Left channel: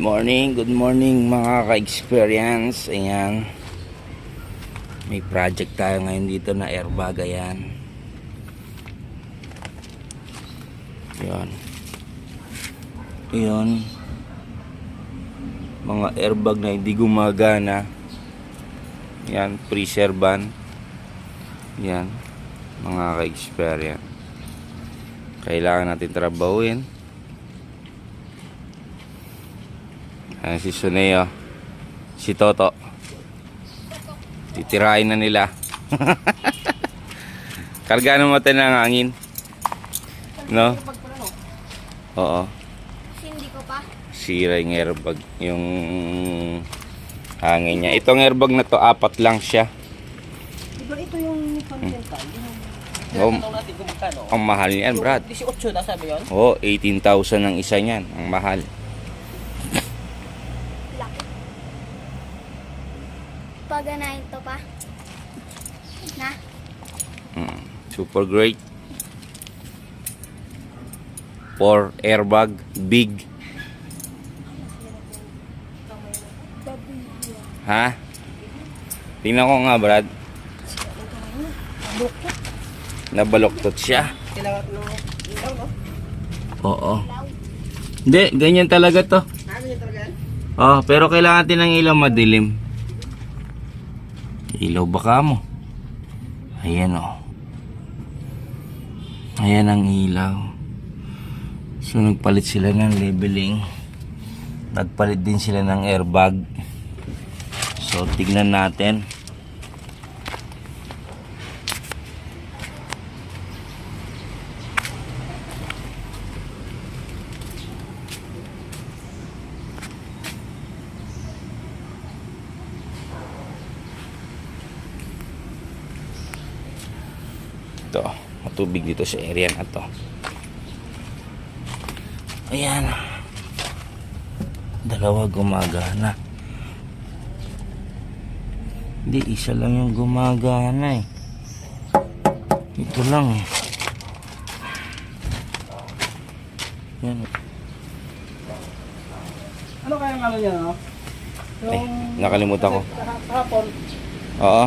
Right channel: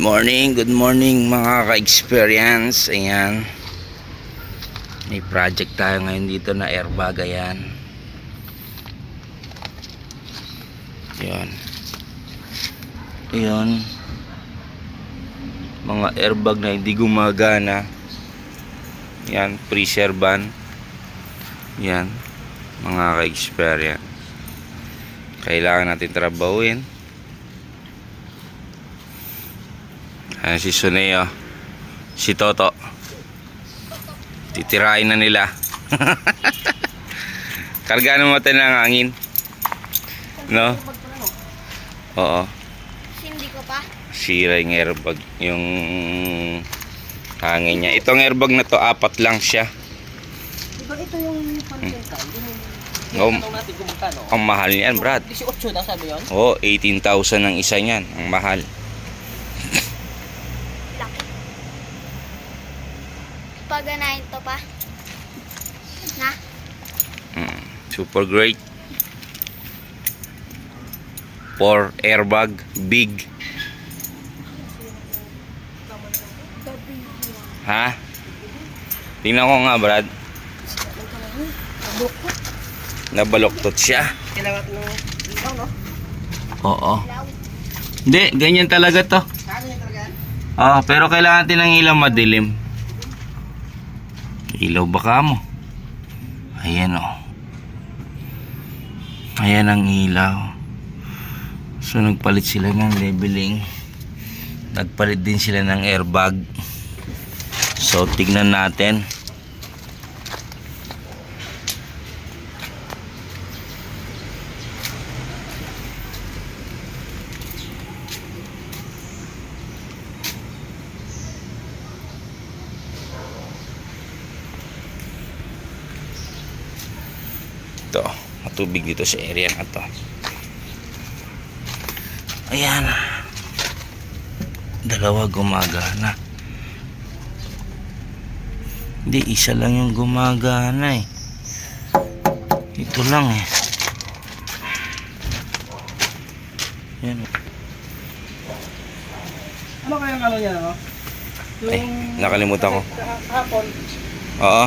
Good morning mga ka-experience. Ayan, may project tayo ngayon dito na airbag. Ayan, yun mga airbag na hindi gumagana. Yan, freezer ban. Yan mga ka-experience, kailangan natin trabahuin. Ayan si Suneo, si Toto, titirain na nila. Karga ng mata ng hangin, no? Oo, Hindi ko pa. sira yung airbag, yung hangin niya. Itong airbag na to, 4 lang siya. Diba ito yung pang-rental? Ang mahal niyan, Brad. 18 na sabi yun? Oo, 18,000 ang isa niyan. Ang mahal. Paganahin to pa. Na? Super great. 4 airbag, big. Ha? Tingnan ko nga, Brad. Nabaloktot siya. Kailangan ng ilaw, no? Oo. Hindi, ganyan talaga to. Kaya talaga yan? Pero kailangan natin ng ilaw madilim. Ilaw baka mo. Ayan o. Ayan ang ilaw. So nagpalit sila ng leveling. Nagpalit din sila ng airbag. So tignan natin. Ito, matubig dito sa area na to. Ayan, dalawa gumagana. Hindi, isa lang yung gumagana eh. Ito lang eh. Yan. Ano kayang ano niya, no? Ay, nakalimutan ko. Hapon, Oo.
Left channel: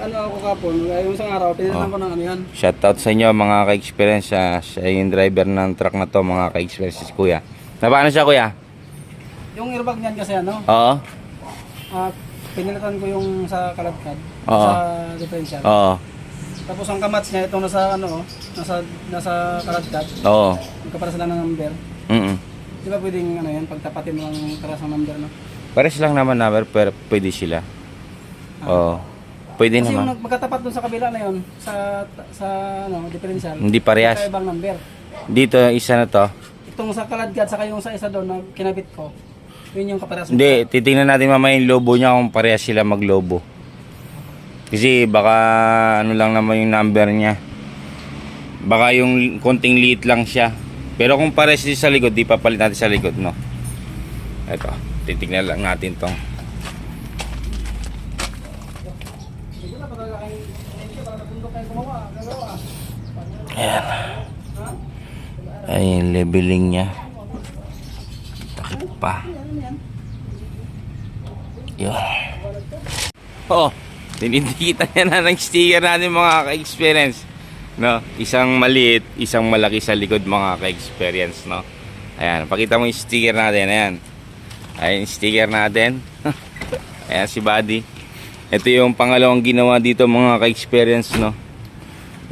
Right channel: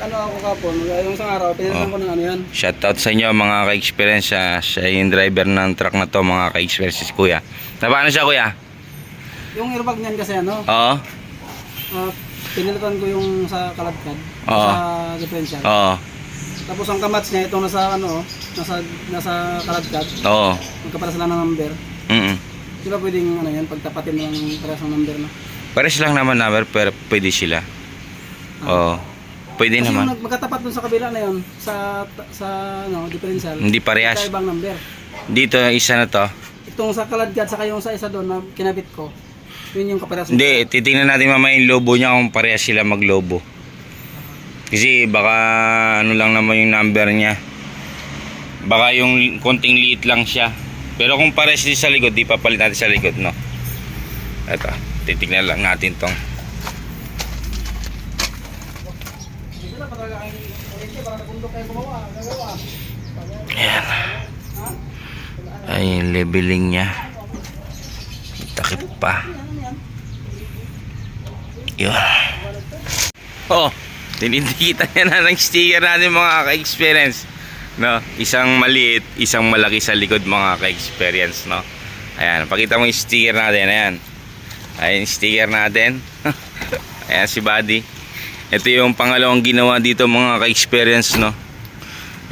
ano ako kapon, yung isang araw, pinanong ko ng ano yan. Shoutout sa inyo mga ka-experience. Siya yung driver ng truck na to, mga ka-experience, si Kuya. Paano siya, Kuya? Yung airbag niyan kasi ano, Oo. pinilitan ko yung sa kaladkad, Oo. sa differential. Oo. Tapos ang kamats niya, itong nasa ano, nasa kaladkad, Oo. magkapara sila ng number. Di ba pwedeng ano yan, pagtapatin mo lang para sa number, no? Pares lang naman number, pero pwede sila. Oo. Pwede Kasi naman. yung magkatapat dun sa kabila na yun, sa ano, differential. Hindi parehas. Ibang number. Dito, isa na to. Itong sa kaladkad, saka yung sa isa doon na kinabit ko, yun yung kaparehas. Hindi, titingnan natin mamaya yung lobo niya kung parehas sila maglobo. Kasi baka ano lang naman yung number niya. Baka yung konting liit lang siya. Pero kung parehas din sa likod, di papalit natin sa likod, no? Ito, titingnan lang natin tong. Ayan. Ay, yung leveling niya. Takip pa. Yun. Tinidikitan niya na ng sticker natin mga ka-experience, no? Isang maliit, isang malaki sa likod mga ka-experience, no? Ayan, pakita mo yung sticker natin. Ayan. Ayan yung sticker natin. Ayan si Buddy. Ito yung pangalawang ginawa dito mga ka-experience, no?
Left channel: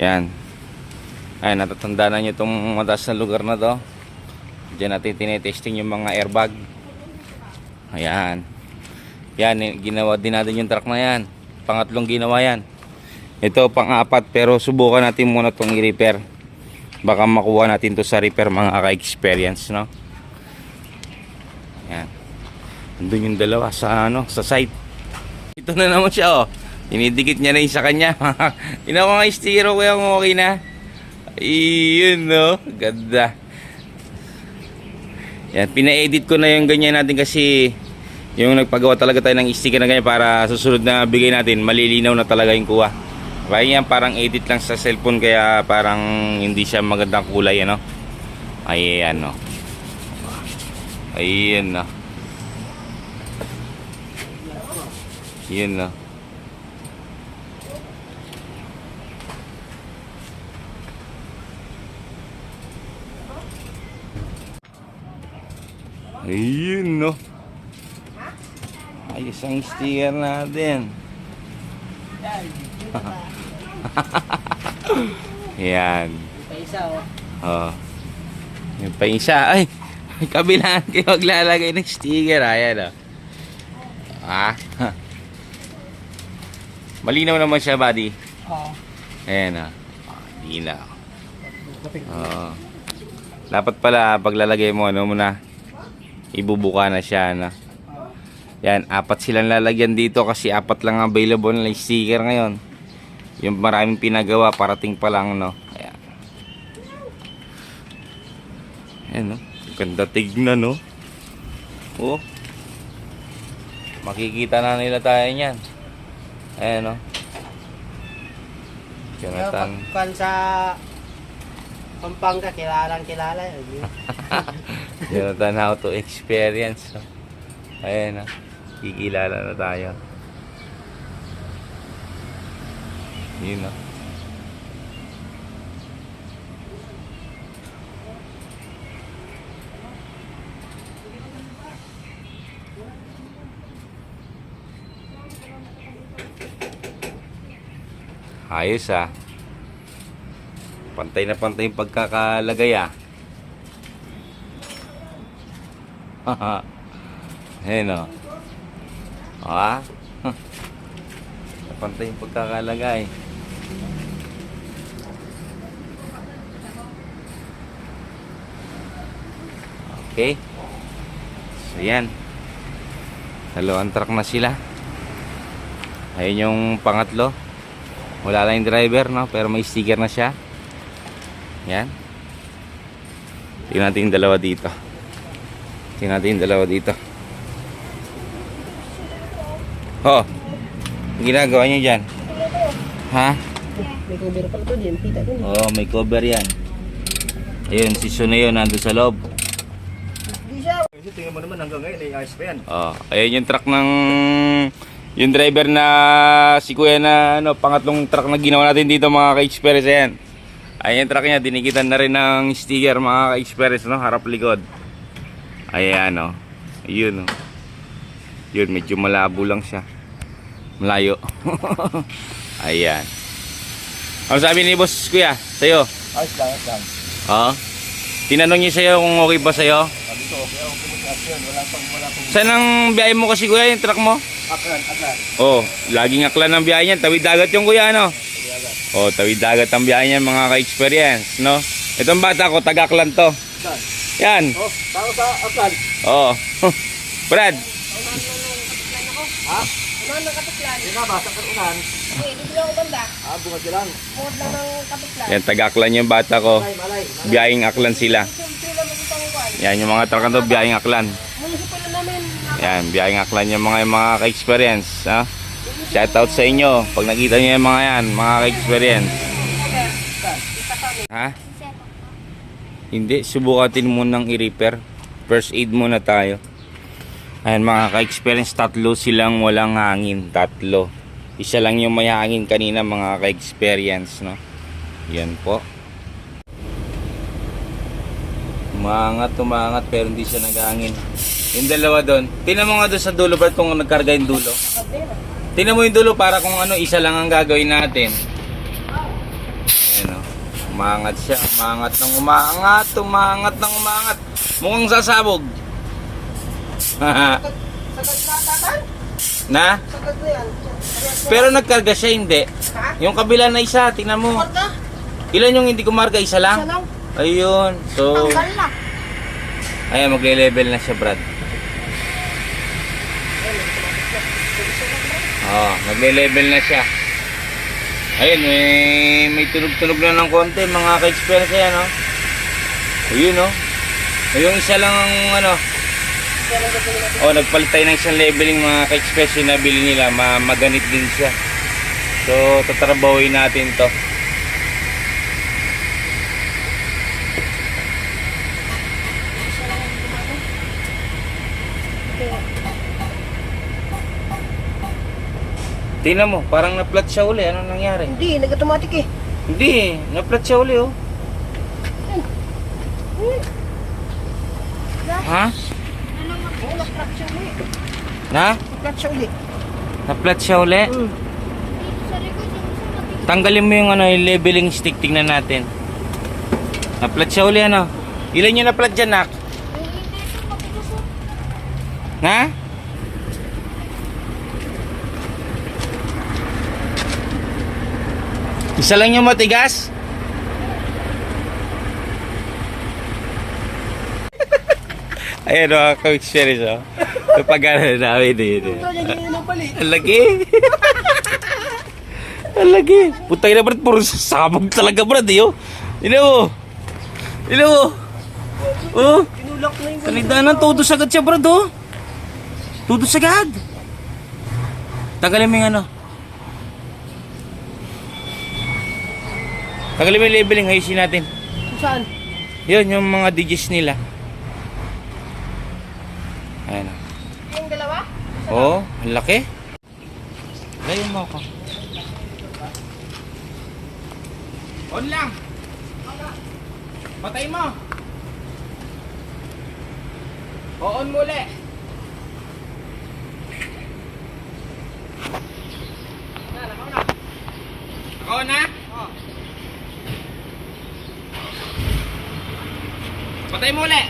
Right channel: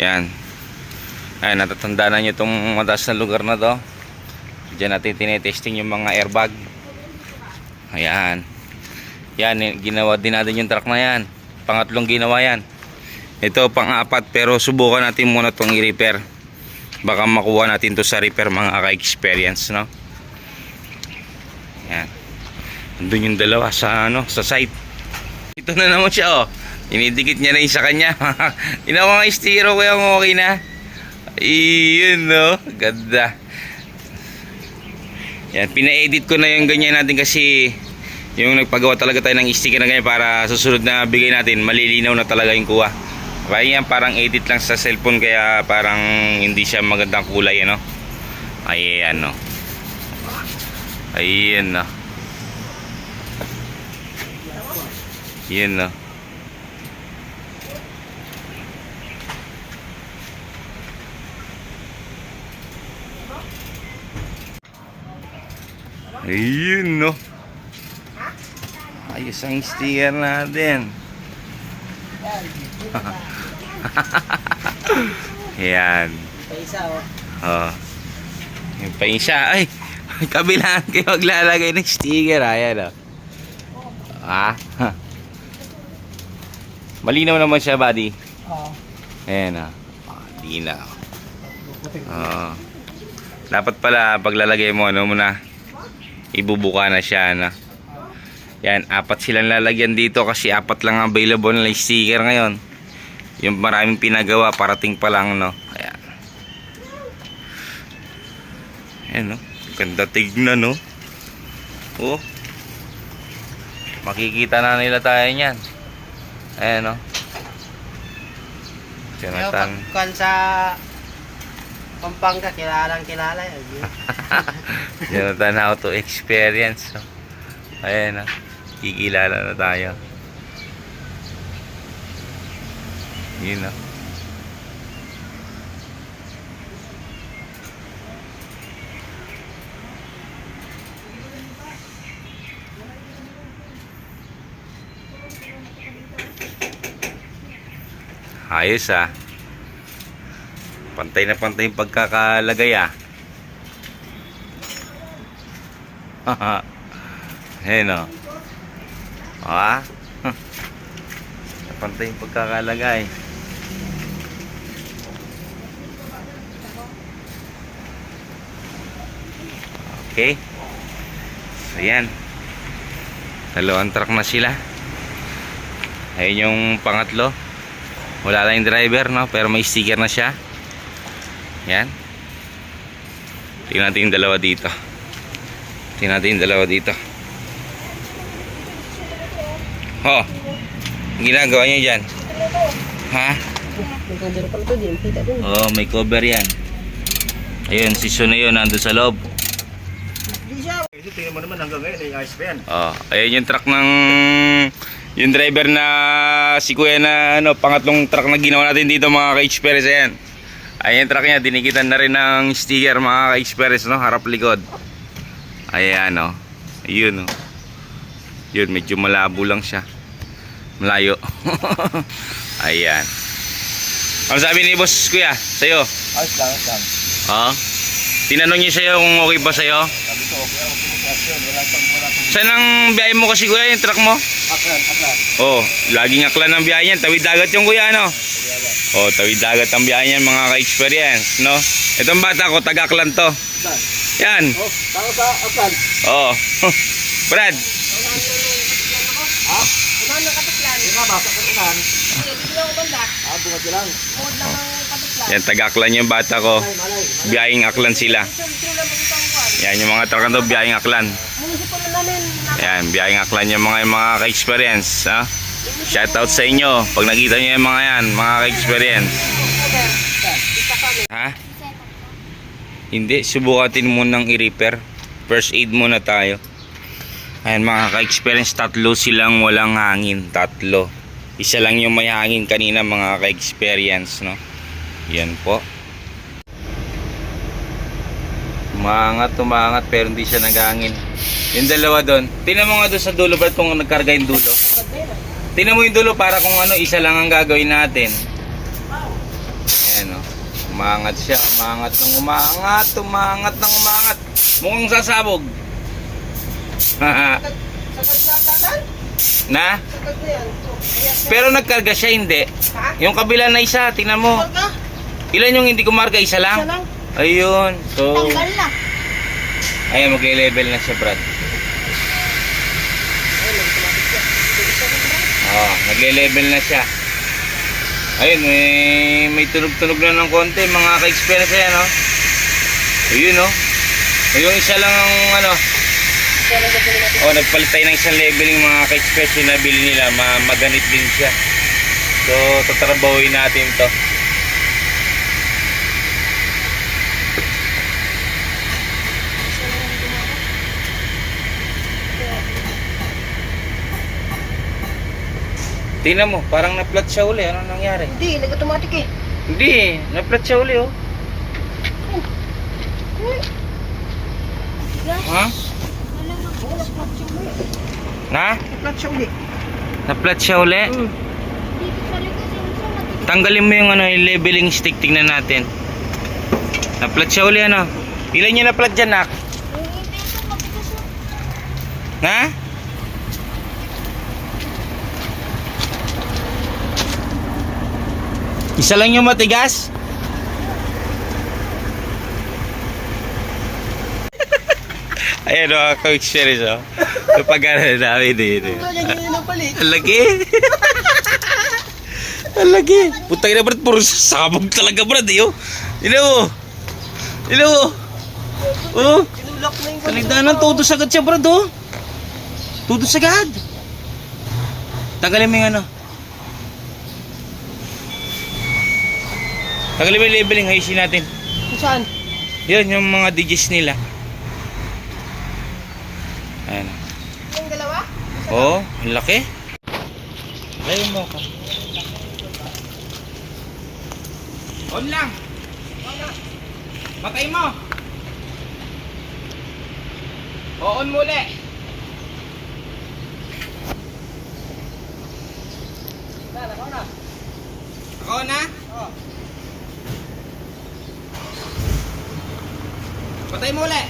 Ayan. Ayan, natatanda na nyo itong mataas na lugar na to. Diyan natin tinetesting yung mga airbag. Ayan. Yan, ginawa din natin yung truck na yan. Pangatlong ginawa yan. Ito pang-4, pero subukan natin muna itong i-repair. Baka makuha natin to sa repair mga ka-experience, no? Ayan. Andun yung dalawa sa, sa site. Ito na naman siya, oh. Inidikit niya na yung sa kanya. Tinawa nga yung sticker ko yung okay na. Iyon, no? Ganda. Yan, pina-edit ko na yung ganyan natin kasi yung nagpagawa talaga tayo ng sticker na ganyan para susunod na bigay natin, malilinaw na talaga yung kuha. Kaya yan parang edit lang sa cellphone, kaya parang hindi siya magandang kulay, ano. Ayan, no. Ayun na. Yun na. Ayun no. Ayos ang sticker natin. Yan. Pa isa oh. Oh. May pa isa. Ay, kabilaan kayo maglalagay ng sticker. Ayan oh. Ah. Malinaw naman siya, buddy. Oo. Ayan oh. Di na. Oo. Dapat pala paglalagay mo, ano muna, ibubuka na siya, ano. Yan, 4 silang lalagyan dito kasi 4 lang available na sticker ngayon. Yung maraming pinagawa, parating pa lang, no. Ayan. Ayan, no. Ganda tignan, no. Oh. Makikita na nila tayo niyan. Ayan, no. Jonathan. Kan sa Pampanga, kilala yun. Jonathan, how to experience, no. Ayan, no. Kikilala na tayo. Yun, no. Ayos ah. Pantay na pantay yung pagkakalagay ah. Ayan o. Ah. Pantay yung pagkakalagay. Okay. So yan. 2 truck na sila. Ayun yung pangatlo. Wala lang yung driver, no? Pero may sticker na siya. Yan. Tingnan natin yung dalawa dito. Tingnan natin yung dalawa dito. Oh. Ang ginagawa nyo dyan? Ha? May cover pala to din, kita dun. Oh, may cover yan. Ayun, si Sun na yun, nandun sa loob. Kasi tingnan mo naman hanggang ngayon, ay ayos pa yan. Oh, ayun yung truck ng yung driver na si Kuya na ano, pangatlong truck na ginawa natin dito mga ka-experience. Ayan. Ayun yung truck niya, dinikitan na rin ng sticker mga ka-experience, no? Harap likod. Ayan, oh. Ayun, oh. Yun, medyo malabo lang siya. Malayo. Ayan. Ano sabi ni boss Kuya sa'yo? Ayos lang. Oh. Tinanong niyo sa'yo kung okay ba sa'yo? Sabi ko, okay sa action. Wala pang. Saan ang biyahe mo kasi Kuya, yung truck mo? Aklan. Oh, laging aklan ang biyahe niyan. Tawid dagat yung Kuya, no? Oh, tawid dagat ang biyahe niyan mga ka-experience, no? Itong bata ko, taga-aklan to. Aklan. Yan. Oh, tao sa Aklan. Oh. Brad. Ha? Unahan ng katuklan. Hindi nga, basa ka unahan. Dito lang ako banda. Bungad ka lang. Bukod lang ang katuklan. Yan, taga-aklan yung bata ko. Malay. Biyaheng aklan sila. Dito lang ako pang kwan. Yan, yung mga truck na to, biyaheng aklan. Munisipal na namin. Yan, biyaheng aklan yung mga ka-experience, ha? Shoutout sa inyo. Pag nakita nyo yung mga yan, mga ka-experience. Okay. Kita kami. Ha? Set up. Hindi, subukatin munang i-repair. First aid muna tayo. Ayan mga ka-experience, 3 silang walang hangin. 3. Isa lang yung may hangin kanina mga ka-experience, no? Yan po. Umangat pero hindi siya naghangin. Yung dalawa doon. Tingnan mo nga doon sa dulo, Brad, kung nagkarga yung dulo. Tingnan mo yung dulo para kung ano, isa lang ang gagawin natin. Ayan o. Umangat siya. Umangat ng umangat. Mukhang sasabog. Na? Pero nagkarga siya, hindi. Yung kabila na isa, tingnan mo. Ilan yung hindi kumarga? Isa lang? Ayun. So, Tanggal na. ayan, magle-level na siya, Brad. Oh, nagle-level na siya. Ayun, may tunog-tunog na ng konti, mga ka-experience yan, no? Ayun, no? Yung isa lang ang, ano, oh, nagpalit tayo ng isang leveling mga ka-experience yung nabili nila, maganit din siya. So, tatrabahuin natin to. Tingnan mo, parang na-flat siya uli. Ano nangyari? Hindi, nag-automatic eh. Hindi, na-flat siya uli oh. Ha? Oo, na-flat siya uli. Na? Na-flat siya uli. Na-flat siya uli? Tanggalin mo yung ano, yung leveling stick, tingnan natin. Na-flat siya uli ano? Ilan niya na-flat dyan, nak? Na? Isa lang yung matigas? Ayan o, ka-experience o. Kapag ano namin dito. Ganyan ang palit. Ang laki. Ang laki. Putay na brad, puro sabog talaga brad eh oh. Ilo mo. Ilo mo. Oh. Tinulak na yung Salidanan, todo sagad siya brad oh. Todo sagad. Tagalin mo yung ano. Tagalin mo yung labeling, hayisin natin. Saan? Yun, yung mga digits nila. Ayan o. Yung dalawa? Oh, ang laki. Lay mo ko. On lang. Patay mo. O, on muli. Ako na? Oo. Patay mo ulit.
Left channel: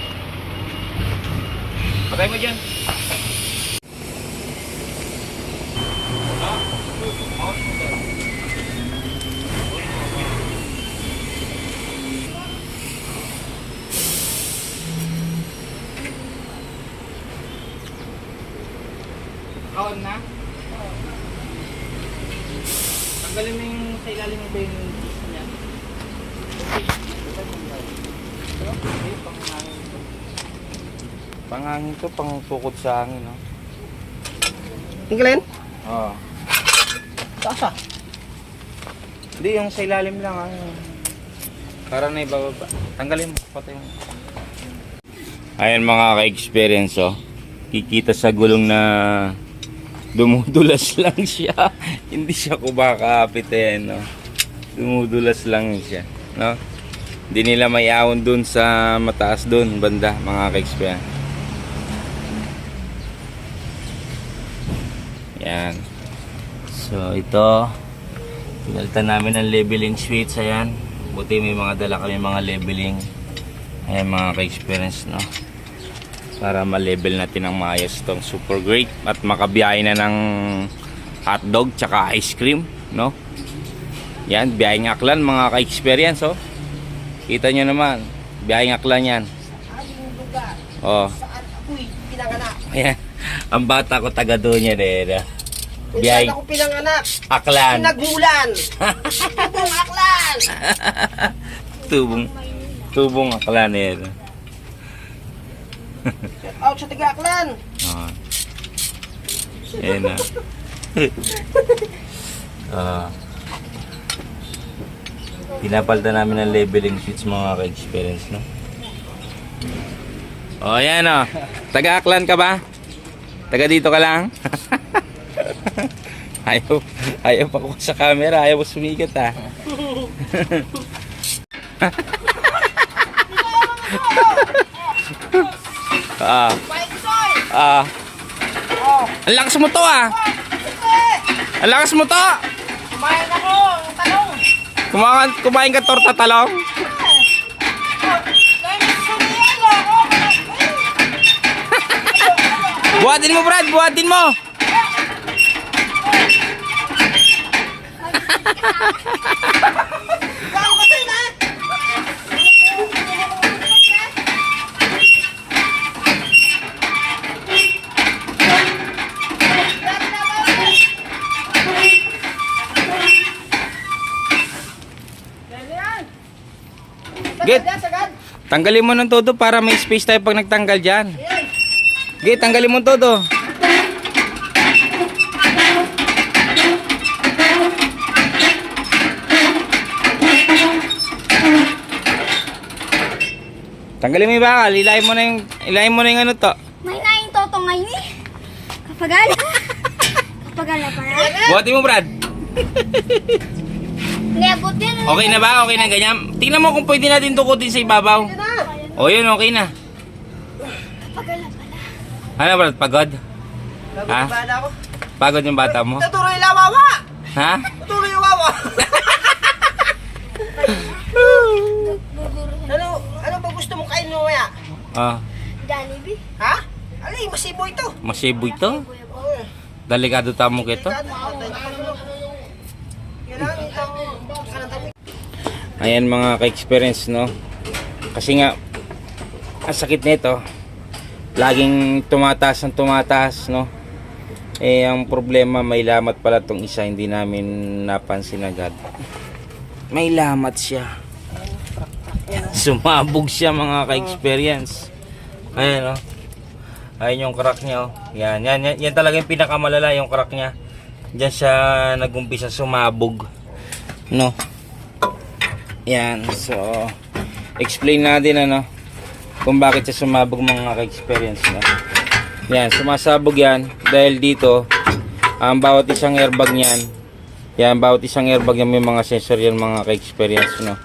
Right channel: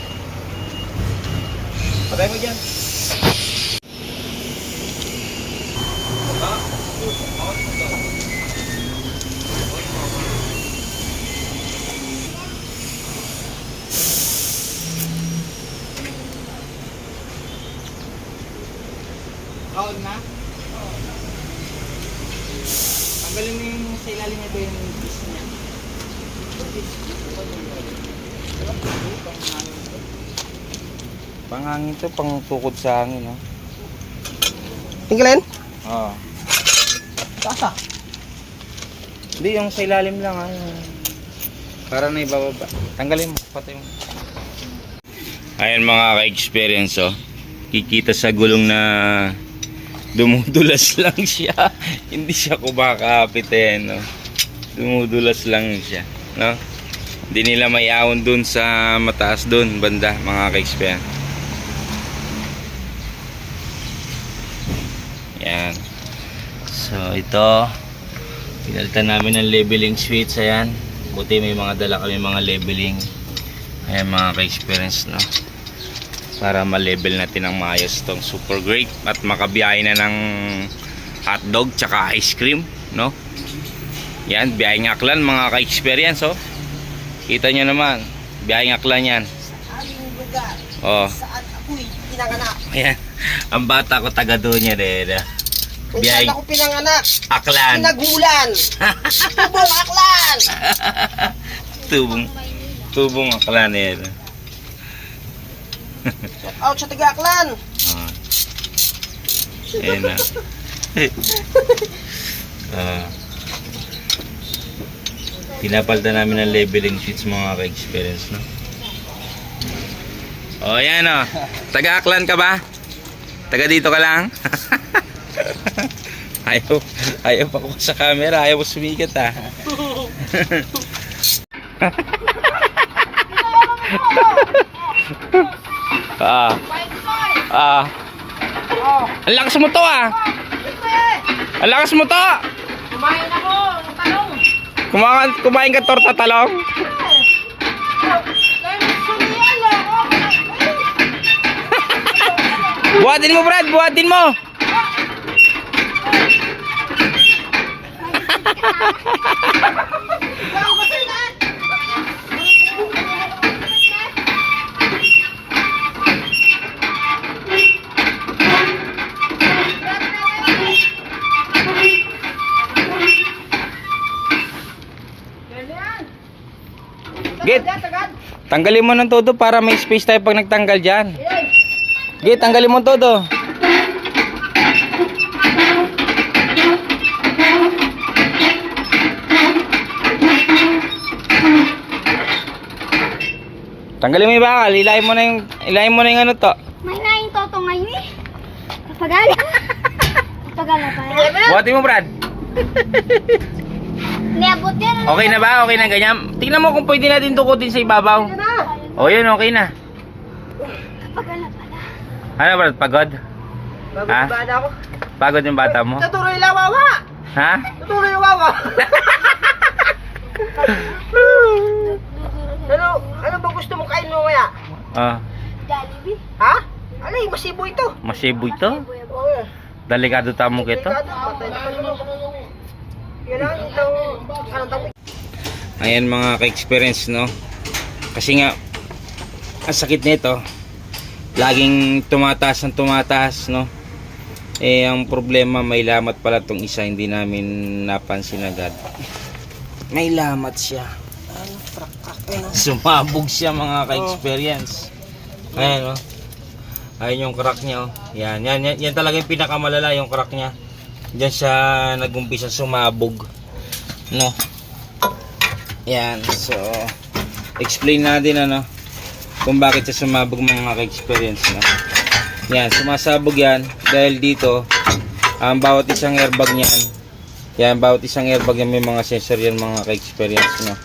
Patay mo dyan. Ha? On mo to. On mo ba? On na? Tanggalin mo yung sa ilalim nito yung piece niya. Panghangin to, pang tukod sa hangin, no? Tinggalin? Oo. Taas ah. Hindi, yung sa ilalim lang, ah. Para na ibababa. Tanggalin mo, patay mo. Ayan mga ka-experience, oh. Kikita sa gulong na dumudulas lang siya. Hindi siya kumakapit, eh, no? Dumudulas lang siya, no? Hindi nila may awon dun sa mataas dun, banda, mga ka-experience. Yan. So ito, pinalitan namin ng leveling switch. Ayan, buti may mga dala kami mga leveling. Ayan mga ka-experience, no, para ma-level natin ang maayos tong super great at makabiyahe na ng hotdog tsaka ice cream, no. Yan, biyaheng aklan mga ka-experience, oh. Kita nyo naman, biyaheng aklan yan. Aming lugar. Oh, Saan ako'y pinanganak. ayan. Ang bata ko taga doon yan, eh. Kung Biyaheng saan ako pinanganak. aklan. Pinagmulan. Tubong aklan. Tubong aklan yan. Shout out sa taga aklan. Ah. Ayan na. Pinapalta namin ng leveling sheets mga ka-experience, no? O, ayan o. Taga-aklan ka ba? Taga dito ka lang? ayaw pa ko sa camera. Ayaw mo sumikat, ha? Ang lakas mo to, ah. Ang lakas mo to. Kumain ako. Ang talong. Kumain ka torta talong? Buhatin mo, Brad, buhatin mo. Git, Sagad. tanggalin mo ng todo para may space tayo pag nagtanggal dyan. Git, tanggalin mo todo. Tanggalin mo yung bakal, ilayin mo na yung ano to. May naing totong ngayon eh. Kapagala. Buhatin mo, Brad. Niabot yan. Okay na ba? Okay na ganyan? Tingnan mo kung pwede natin tukutin sa ibabaw. O yun, okay na. Pagala pala. Ano, Brad? Pagod? Ha? Bababa ako. Pagod yung bata mo? Natuloy lang, wawa. Ha? Natuloy yung wawa. Ano ba gusto mo kain mo kaya? Ah, Jollibee. Ha? Alay, masibo ito. masiboy to. Oo. Delikado tamo kito. Patay na kanino. Yan lang, itang anong tawag? Ayan mga ka-experience, no? Kasi nga, ang sakit nito, laging tumataas ng tumataas, no? Eh, ang problema, may lamat pala tong isa, hindi namin napansin agad. May lamat siya. Sumabog siya mga ka-experience. Ayan, no? Ayan yung crack niya, oh. Yan talaga yung pinakamalala, yung crack niya. Diyan siya nagumpisa sumabog, no? Yan, so explain natin ano kung bakit siya sumabog mga ka-experience, no? Yan, sumasabog yan dahil dito ang bawat isang airbag niyan, yan, bawat isang airbag yan may mga sensor yan mga ka-experience, no?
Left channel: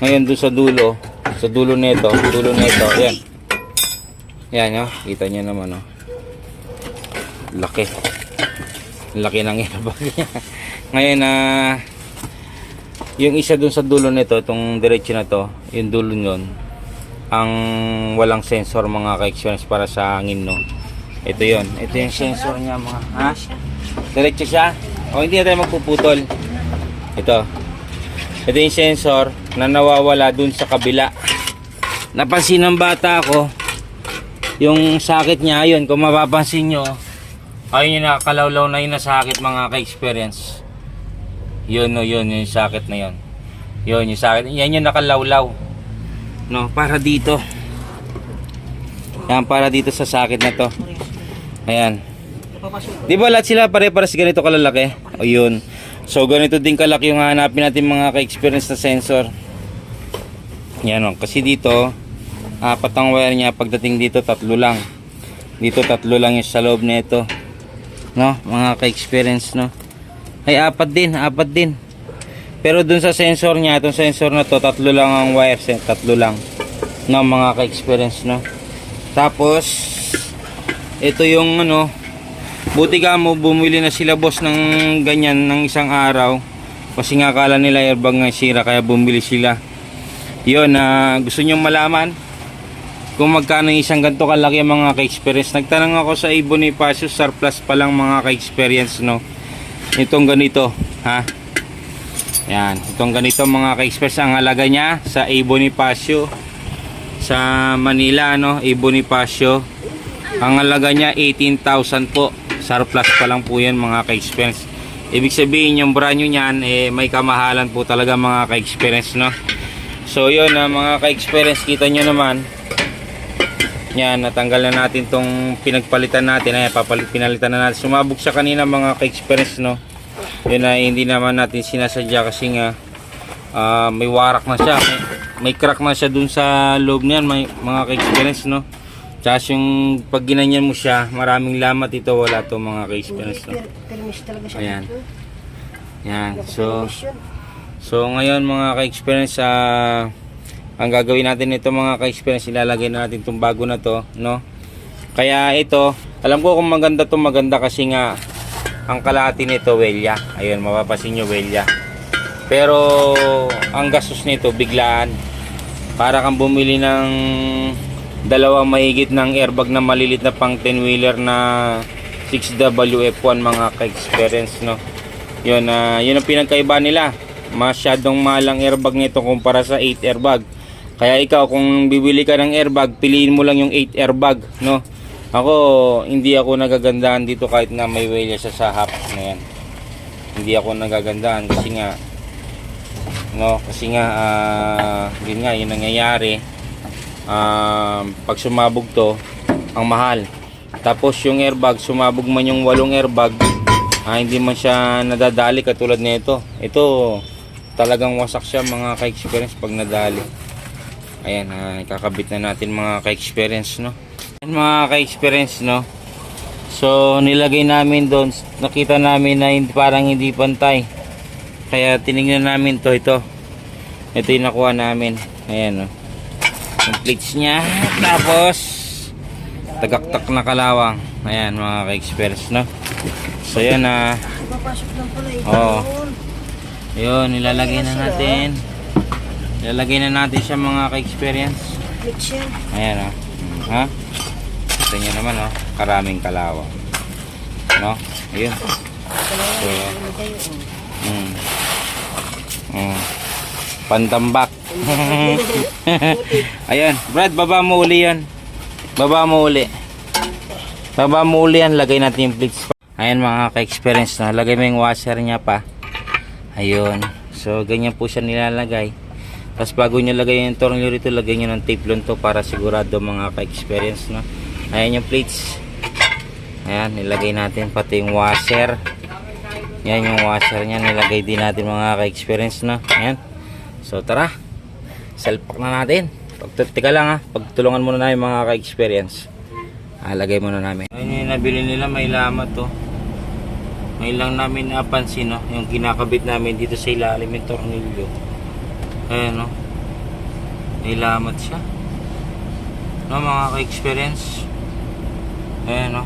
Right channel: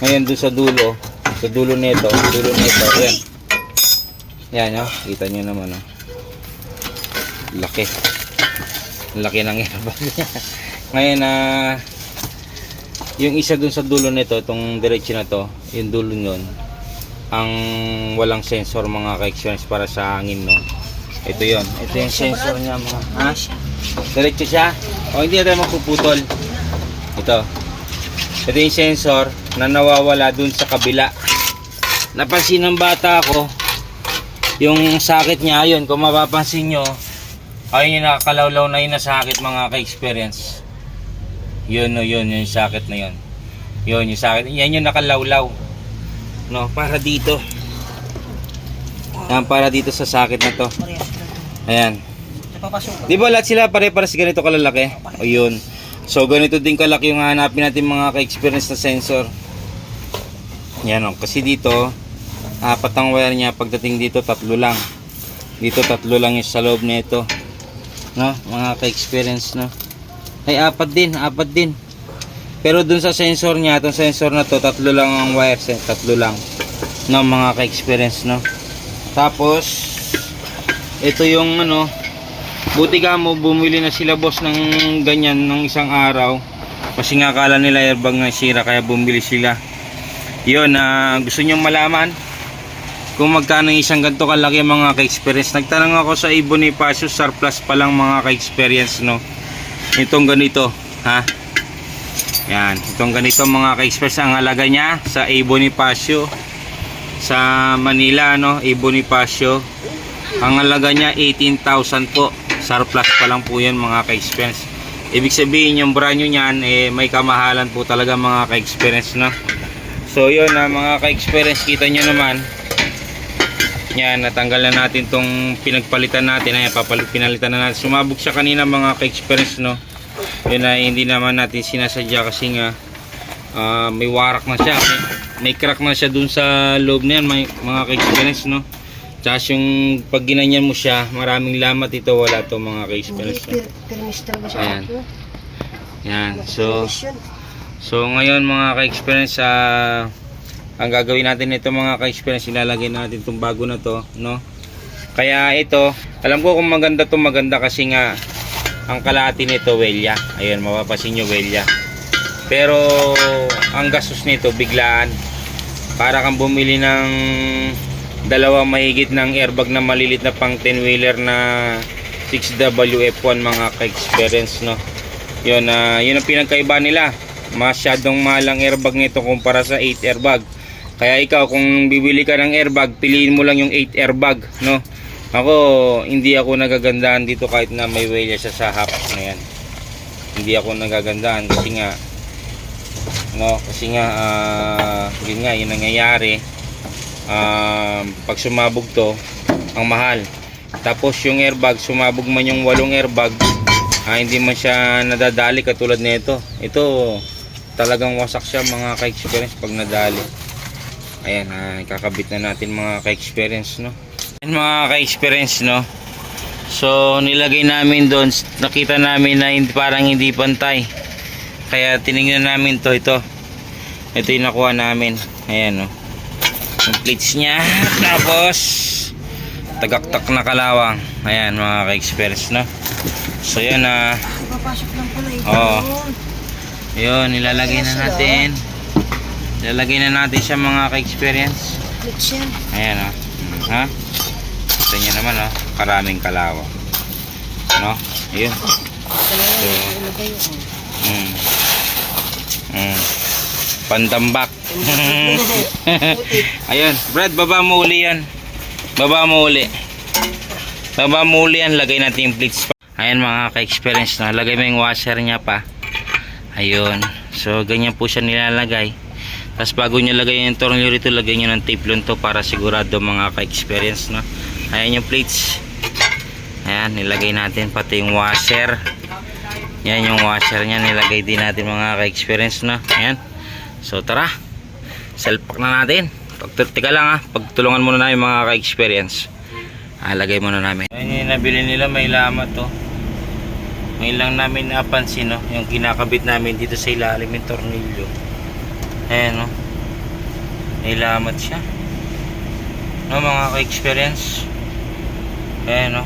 Ngayon doon sa dulo nito, yan. Yan, no? Kita nyo naman, no? Laki ng airbag niya. Ngayon yung isa dun sa dulo nito, itong diretso na to, yung dulo nun, ang walang sensor mga ka-experience para sa hangin, no? Ito yon, ito yung sensor niya mga, ha? Diretso siya? O hindi natin magpuputol. Ito yung sensor na nawawala dun sa kabila. Napansin ng bata ako yung sakit niya, ayun, kung mapapansin nyo, ayun yung nakakalawlaw na yun na sakit mga ka-experience. Yun yung sakit na yun. Yun yung sakit. Yan yung nakalawlaw. No, para dito. Yan, para dito sa sakit na to. Ayan. Di ba lahat sila pare-pares ganito kalalaki? O yun. So ganito din kalaki yung hanapin natin mga ka-experience na sensor. Yan o. Kasi dito, 4 ang wire niya. Pagdating dito, 3 lang. Dito 3 lang yung sa loob na ito. No, mga ka-experience, no. Ay 4 din. Pero dun sa sensor niya, itong sensor na to, 3 lang ang wires, 3 lang. No, mga ka-experience, no. Tapos ito yung ano, buti ka mo bumili na sila boss ng ganyan ng isang araw. Kasi nga akala nila airbag nga sira kaya bumili sila. Yun, gusto niyo malaman kung magkano yung isang ganito kalaki mga ka-experience. Nagtanong ako sa Bonifacio, surplus pa lang mga ka-experience, no. Itong ganito, ha. Yan, itong ganito mga ka-experience ang halaga niya sa Bonifacio sa Manila, no. Bonifacio. Ang halaga niya 18,000 po. Surplus pa lang po 'yan mga ka-experience. Ibig sabihin yung brand new niyan may kamahalan po talaga mga ka-experience, no. So 'yun mga ka-experience, kita niyo naman. Yan, natanggal na natin tong pinagpalitan natin. Ayan, pinalitan na natin. Sumabog siya kanina mga ka-experience, no. Yun na hindi naman natin sinasadya kasi nga may warak na siya. May crack na siya dun sa loob na yan mga ka-experience, no. Tsaka yung pag ginanyan mo siya, maraming lamat ito. Wala to mga ka-experience, no. Ayan. Yan. So ngayon mga ka-experience, ang gagawin natin ito mga ka-experience, ilalagay natin itong bago na to, no. Kaya ito, alam ko kung maganda to, maganda kasi nga ang kalahati nito welya. Ayun, mapapasin nyo welya. Pero ang gastos nito biglaan. Para kang bumili ng dalawang mahigit ng airbag na malilit na pang 10 wheeler na 6WF1 mga ka-experience, no. Yun, yun ang pinagkaiba nila. Masyadong mahal ang airbag nito kumpara sa 8 airbag. Kaya ikaw kung bibili ka ng airbag, piliin mo lang yung 8 airbag, no. Ako, hindi ako nagagandahan dito kahit na may welya siya sa half na yan. Hindi ako nagagandahan kasi nga, no, yun nga, yung nangyayari. Pag sumabog to, ang mahal. Tapos yung airbag, sumabog man yung 8 airbag, hindi man siya nadadali katulad nito. Ito, talagang wasak siya mga ka-experience pag nadali. Ayan, kakabit na natin mga ka-experience, no. Ayan mga ka-experience, no. So nilagay namin doon, nakita namin na parang hindi pantay. Kaya tinignan namin to, ito yung nakuha namin. Ayan o. Yung plates niya. Tapos tagaktak na kalawang. Ayan mga ka-experience, no? So yan na. Papasok lang pala ito. Oo. Yun, nilalagay na natin. Nilalagay na natin siya mga ka-experience. Glitch yan. Ayan o. Ha? Ito nyo naman o. Karaming kalawang. No? Ayun. So, Pandambak. Ayun, Brad, baba mo uli yan. Baba mo uli. Baba mo uli yan, lagay natin yung plates pa. Ayan mga ka-experience na, lagay mo yung washer niya pa. Ayun. So ganyan po siya nilalagay. Tapos bago nyo lagay yung tornilyo rito, lagay nyo ng tape to para sigurado mga ka-experience, no? Ayan yung plates. Ayan, nilagay natin pati yung washer. Yan yung washer niya, nilagay din natin mga ka-experience, no? Ayan. So tara, selpak na natin. Teka lang ha, pagtulungan muna namin mga ka-experience. Lagay muna namin. Ayan yung nabili nila, may lamat to. May lang namin napansin, no? Yung kinakabit namin dito sa ilalim yung tornilyo. Ayan, no? May lamat siya, no mga ka-experience. Ayan, no?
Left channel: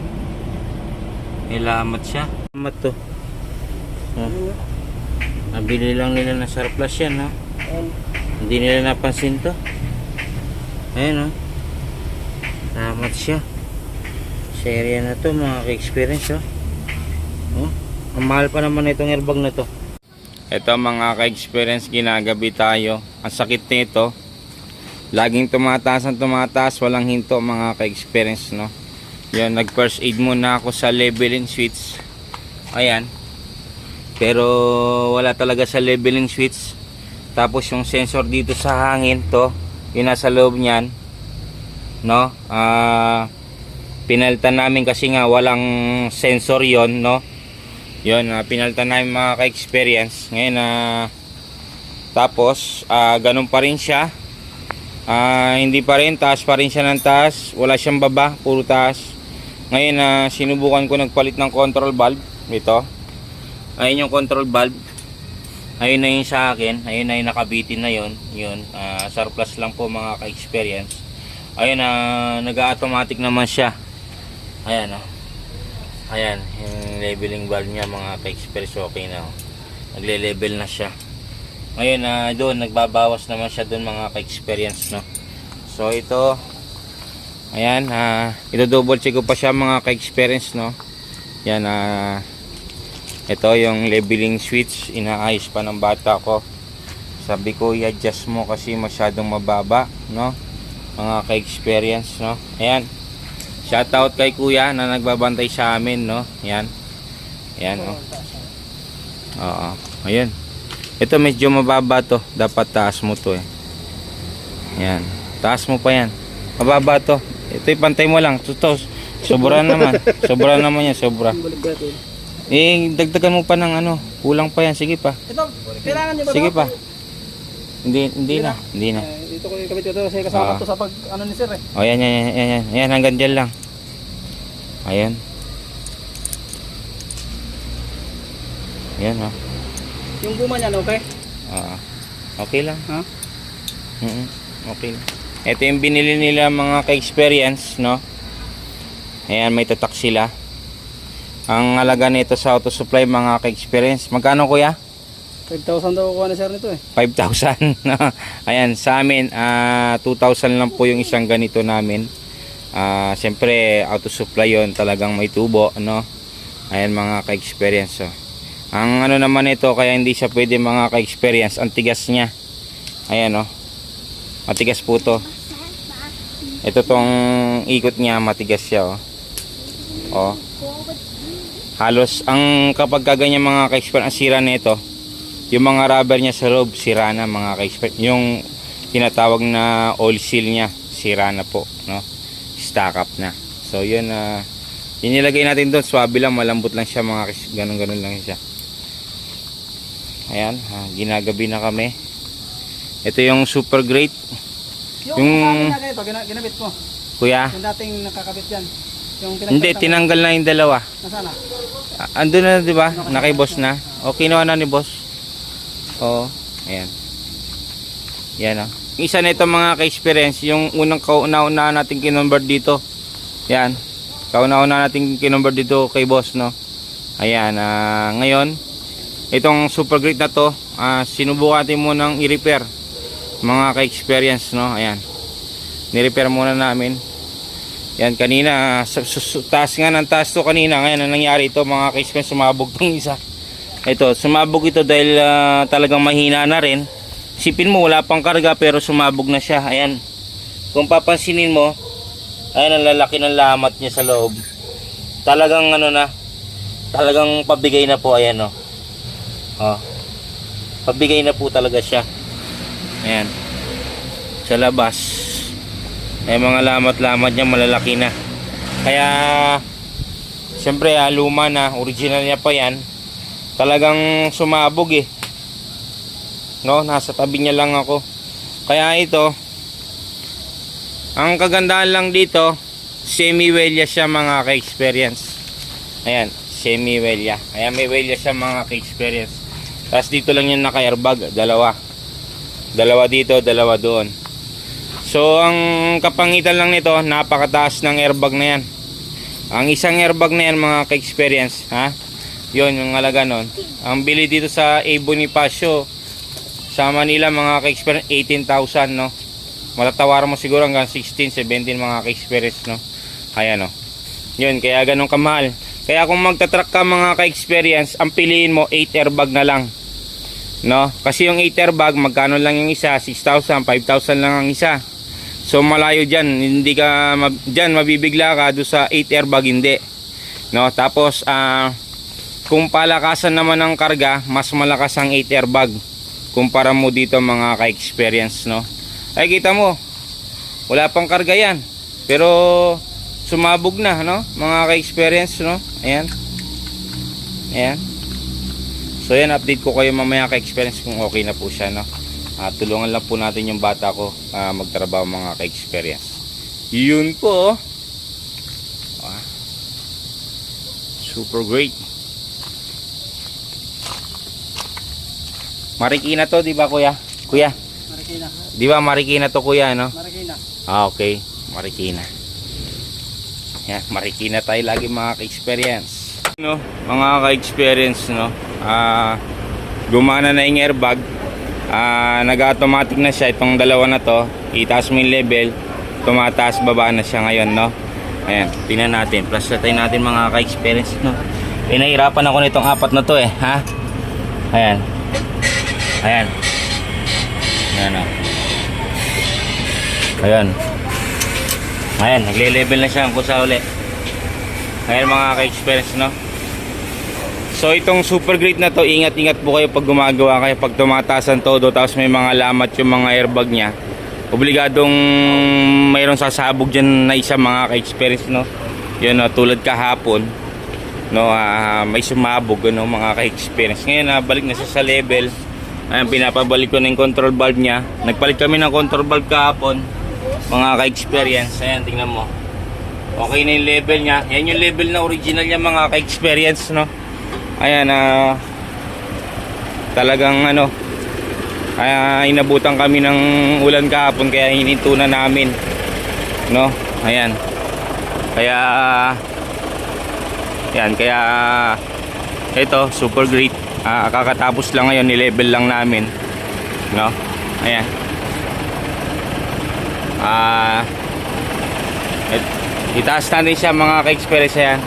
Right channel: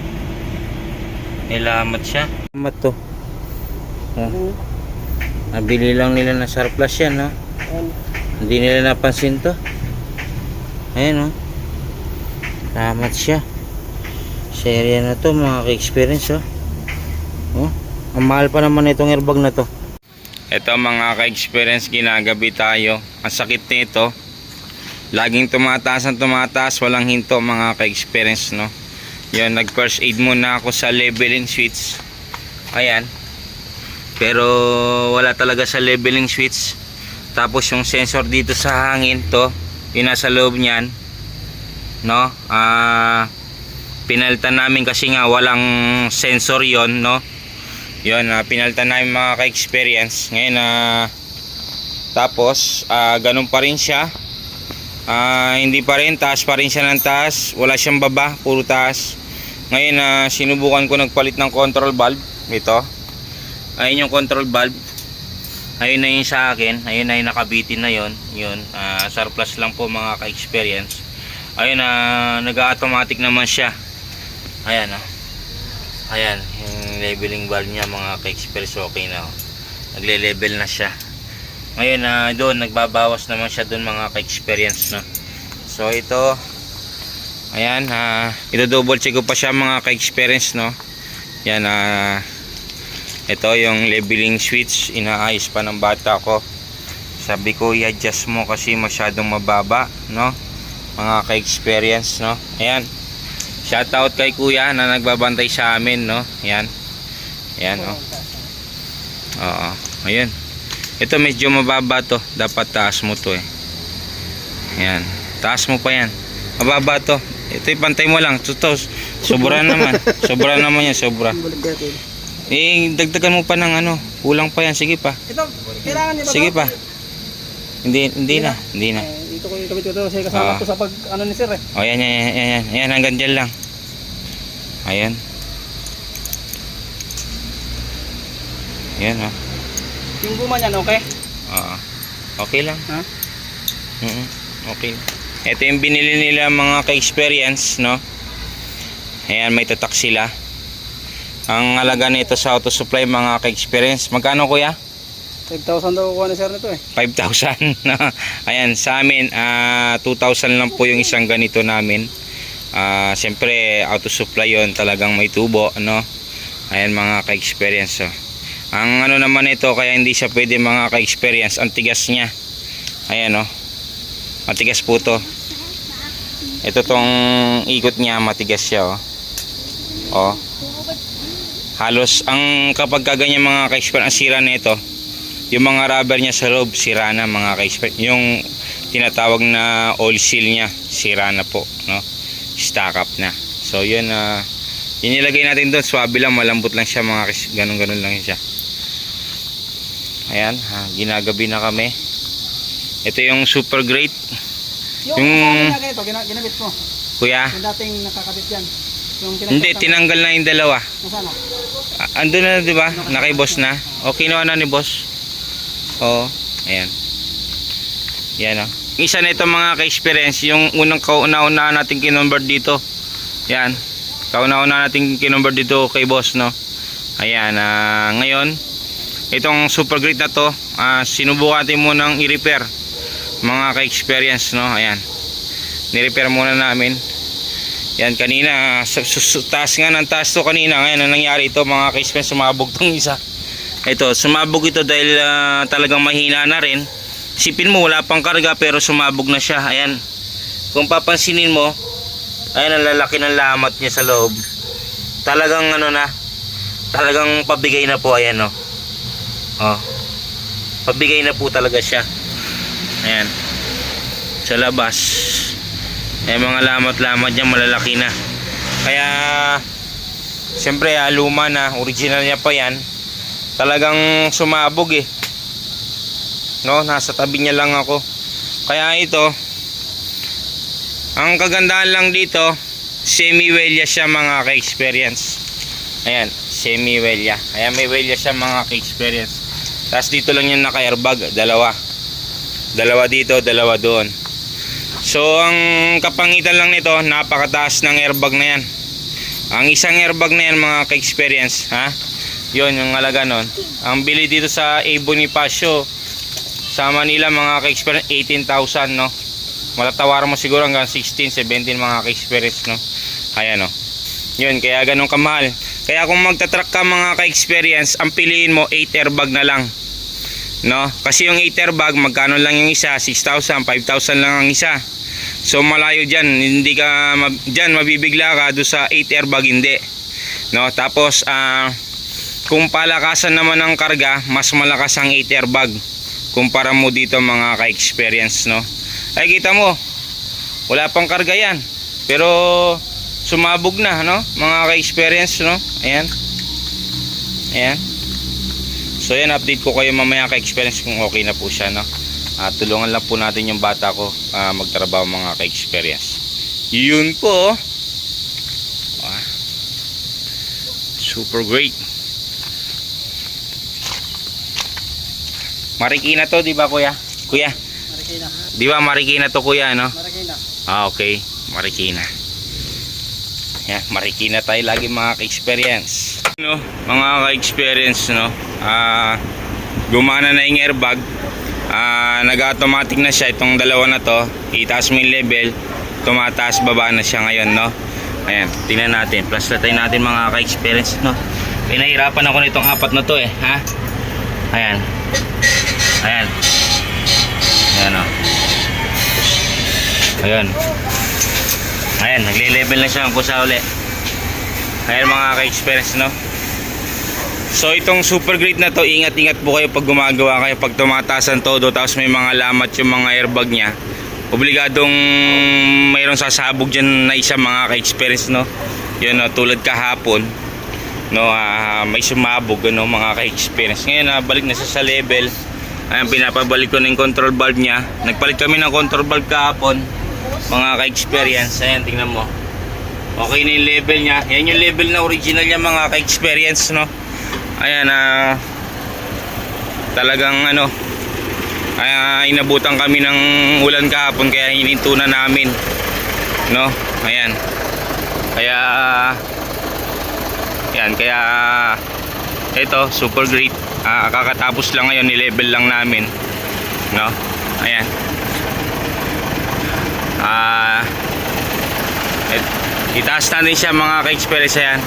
May lamat siya. Lamat to. Nabili lang nila na surplus yan, ha? Hindi nila napansin to. Ayan, oh. Lamat siya sa area na to mga ka-experience, oh. Oh, ang mahal pa naman itong airbag na to. Ito mga ka-experience, ginagabi tayo. Ang sakit nito, laging tumataas ang tumataas, walang hinto mga ka-experience, no? Yan, nag first aid muna ako sa leveling switch. Ayan. Pero wala talaga sa leveling switch. Tapos yung sensor dito sa hangin to, yung nasa loob niyan, no? Pinalitan namin kasi nga walang sensor yon, no? Yon, pinalitan namin mga ka-experience. Ngayon tapos ganun pa rin siya. Hindi pa rin, taas pa rin siya ng taas. Wala siyang baba, puro taas. Ngayon sinubukan ko nagpalit ng control valve. Ito. Ayun yung control valve. Ayun na yun sa akin. Ayun na yung nakabitin na yun. Yun, surplus lang po mga ka-experience. Ayun nag-automatic naman siya. Ayan ayan, yung leveling valve niya mga ka-experience, okay na. Nagle-level na siya. Ngayon doon nagbabawas naman siya doon mga ka-experience, no. So ito, ayan, ito double check ko pa siya mga ka-experience, no. Yan, ito yung leveling switch, inaayos pa ng bata ko. Sabi ko i-adjust mo kasi masyadong mababa, no, mga ka-experience, no. Ayan, shoutout kay kuya na nagbabantay sa amin, no. Ayan, ayan, oh. Oo, ayan. Ito medyo mababa to, dapat taas mo to eh. Ayan, taas mo pa yan, mababa to. Ito pantay mo lang, to sobra naman. Sobra naman yan, sobra. Dagdagan mo pa ng kulang pa yan, sige pa. Ito, kailangan niyo ba? Sige pa. Hindi na. Ito ko yung kabit ko to kasi kasama to sa pag ni sir eh. Oh, yan, hanggang dyan lang. Ayan. Ayan, oh. Yung guma niyan, okay? Oo. Okay lang. Okay. Ito yung binili nila mga ka-experience, no? Ayan, may tatak sila. Ang halaga nito sa auto supply mga ka-experience, magkano kuya? 5,000 daw kuha na sir nito eh. 5,000. Ayan, sa amin 2,000 lang po yung isang ganito namin. Siyempre auto supply yon, talagang may tubo, no? Ayan mga ka-experience, oh. Ang naman ito, kaya hindi siya pwede mga ka-experience, ang tigas niya. Ayan, oh. Matigas po to. Ito tong ikot niya, matigas siya, oh. Oh. Halos ang kapag kaganyan mga ka-experience, ang sira nito, yung mga rubber niya sa loob sira na mga ka-experience. Yung tinatawag na oil seal niya sira na po, no? Stack up na. So yun, inilagay natin doon, swabe lang, malambot lang siya mga ganun lang siya. Ayan, ginagabi na kami. Ito yung super great. Yung ganito, ginabit mo. Kuya, Yung dating nakakabit yan. Yung Hindi, tinanggal na yung dalawa. Nasaan na? Andun na, di ba? Nakay boss na. O, kinuha na ni boss. Oo, ayan. Yan o. Isa na ito mga ka-experience, yung unang kauna-una natin kinonvert dito. Yan. Kauna-una natin kinonvert dito kay boss, no? Ayan, ngayon, itong super great na to, sinubukan natin munang i-repair. Mga ka-experience, no? Ayan. Ni-repair muna namin. Yan, kanina, taas nga ng taas to kanina. Ngayon, ang nangyari ito, mga ka-experience, sumabog tong isa. Ito, sumabog ito dahil talagang mahina na rin. Sipin mo, wala pang karga pero sumabog na siya. Ayan. Kung papansinin mo, ayan ang lalaki ng lamat niya sa loob. Talagang ano na, talagang pabigay na po. Ayan o. Oh. Pabigay na po talaga siya. Ayan. Sa labas. Ayan, mga lamat-lamat niya malalaki na. Kaya, siyempre luma na, original niya pa yan. Talagang sumabog eh. No, nasa tabi niya lang ako. Kaya ito, ang kagandahan lang dito, semi-welya siya mga ka-experience. Ayan, semi-welya. Ayan, may welya siya mga ka-experience. Tapos dito lang yan naka-airbag, dalawa. Dalawa dito, dalawa doon. So, ang kapangitan lang nito, napakataas ng airbag na yan. Ang isang airbag na yan mga ka-experience, ha? Yun, yung halaga nun. Ang bili dito sa A. Bonifacio, sa Manila mga ka-experience 18,000, no. Matatawaran mo siguro hanggang 16, 17 mga ka-experience, no. Ayan, no. Yun, kaya ganun kamahal. Kaya kung magta-truck ka mga ka-experience, ang piliin mo 8 airbag na lang, no. Kasi yung 8 airbag, magkano lang yung isa? 6,000, 5,000 lang ang isa. So malayo dyan, hindi ka dyan mabibigla ka doon sa 8 airbag, hindi, no. Tapos kung palakasan naman ng karga, mas malakas ang 8 airbag kumpara mo dito mga ka-experience, no. Ay, kita mo, wala pang karga yan pero sumabog na, no, mga ka-experience, no. Ayan. Ayan. So yan, update ko kayo mamaya ka-experience kung okay na po siya, no. Tulungan lang po natin yung bata ko magtrabaho mga ka-experience. Yun po. Super great. Marikina to, di ba kuya? Kuya, Marikina. di ba Marikina to kuya, no? Marikina. Okay, Marikina. Yan, Marikina tayo lagi mga ka-experience. No, mga ka-experience, no. Gumana na yung airbag. Nag-automatic na siya itong dalawa na to. Itaas mo yung level, tumataas baba na siya ngayon, no. Ayan, tingnan natin. Plus tayo natin mga ka-experience, no. Pinahirapan ako nitong apat na to eh, ha. Ayan. Ayan. Ayan, o. Ayan. Ayan, nagle-level na siya ang kusa uli. Ayan mga ka-experience, no. So itong super great na to, ingat-ingat po kayo pag gumagawa kayo. Pag tumataas ang todo, tapos may mga lamat yung mga airbag nya, obligadong mayroong sasabog dyan na isa mga ka-experience, no. Yan, no, tulad kahapon, no, may sumabog, no, mga ka-experience. Ngayon balik na siya sa level. Ayan, pinapabalik ko na yung control valve nya. Nagpalit kami ng control valve kahapon mga ka-experience. Ayan, tingnan mo, okay na yung level nya. Yan yung level na original nya mga ka-experience, no. Ayan, talagang ano, inabutan kami ng ulan kahapon kaya hininto na namin, no. Ayan, kaya yan, kaya ito super great. Kakatapos lang ngayon, ni-level lang namin, no. Ayan, itaas natin siya mga ka-experience. Ayan,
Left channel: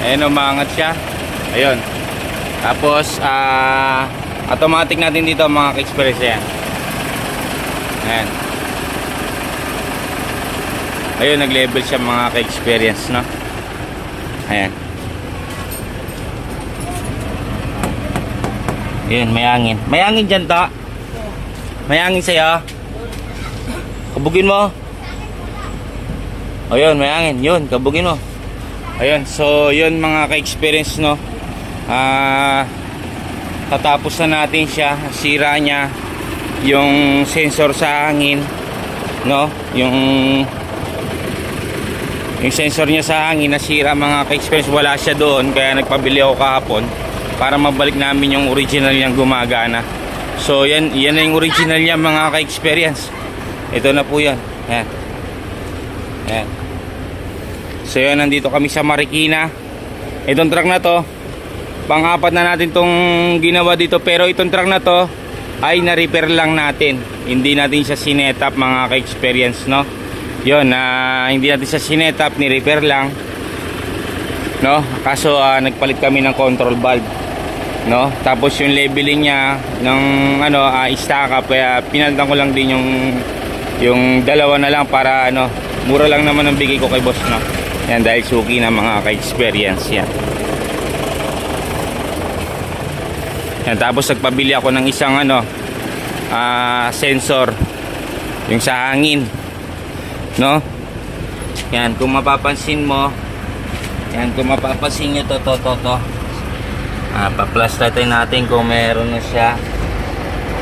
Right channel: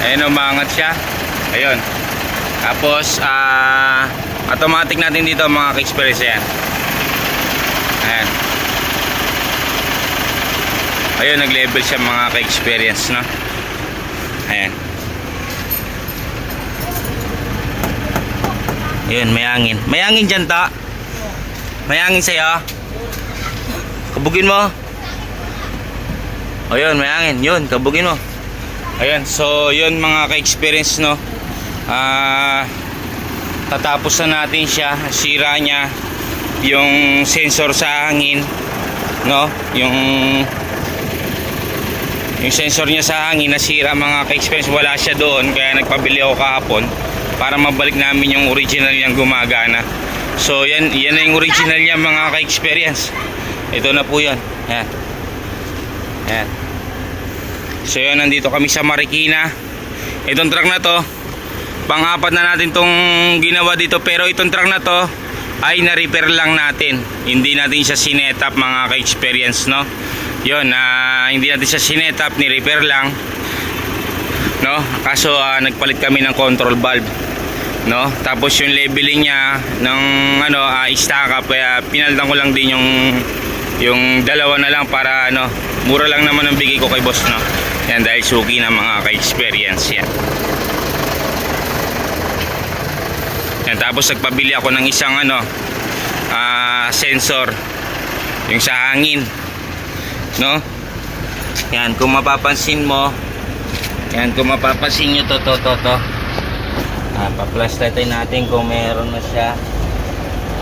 ayan, umangat siya. Ayun, tapos automatic natin dito mga ka-experience. Ayan, ayan, ayun, nag-level siya mga ka-experience, no. Ayan. Ayun, may hangin. May hangin dyan, ta. May hangin sa'yo. Kabugin mo. Ayun, may hangin. Yun, kabugin mo. Ayun, so yun mga ka-experience, no. Tatapos na natin siya. Sira niya yung sensor sa hangin, no. Yung sensor niya sa hangin nasira mga ka-experience, wala siya doon, kaya nagpabili ako kahapon para mabalik namin yung original niyang gumagana. So yan na yung original niya mga ka-experience. Ito na po yan. Yan. Yan. So yan, nandito kami sa Marikina. Itong truck na to, pang-apat na natin tong ginawa dito, pero itong truck na to ay na-repair lang natin. Hindi natin siya sinetap mga ka-experience, no? Yun, hindi natin siya sinetap, ni-repair lang, no? Kaso nagpalit kami ng control valve, no? Tapos yung leveling niya ng stack up, kaya pinalitan ko lang din yung dalawa na lang para mura lang naman ang bigay ko kay boss, no? Yan, dahil suki na mga ka-experience yan. Yan, tapos nagpabili ako ng isang sensor yung sa hangin, no? Yan, kung mapapansin mo, yan, kung mapapansin nyo to pa-plus natin kung meron na siya,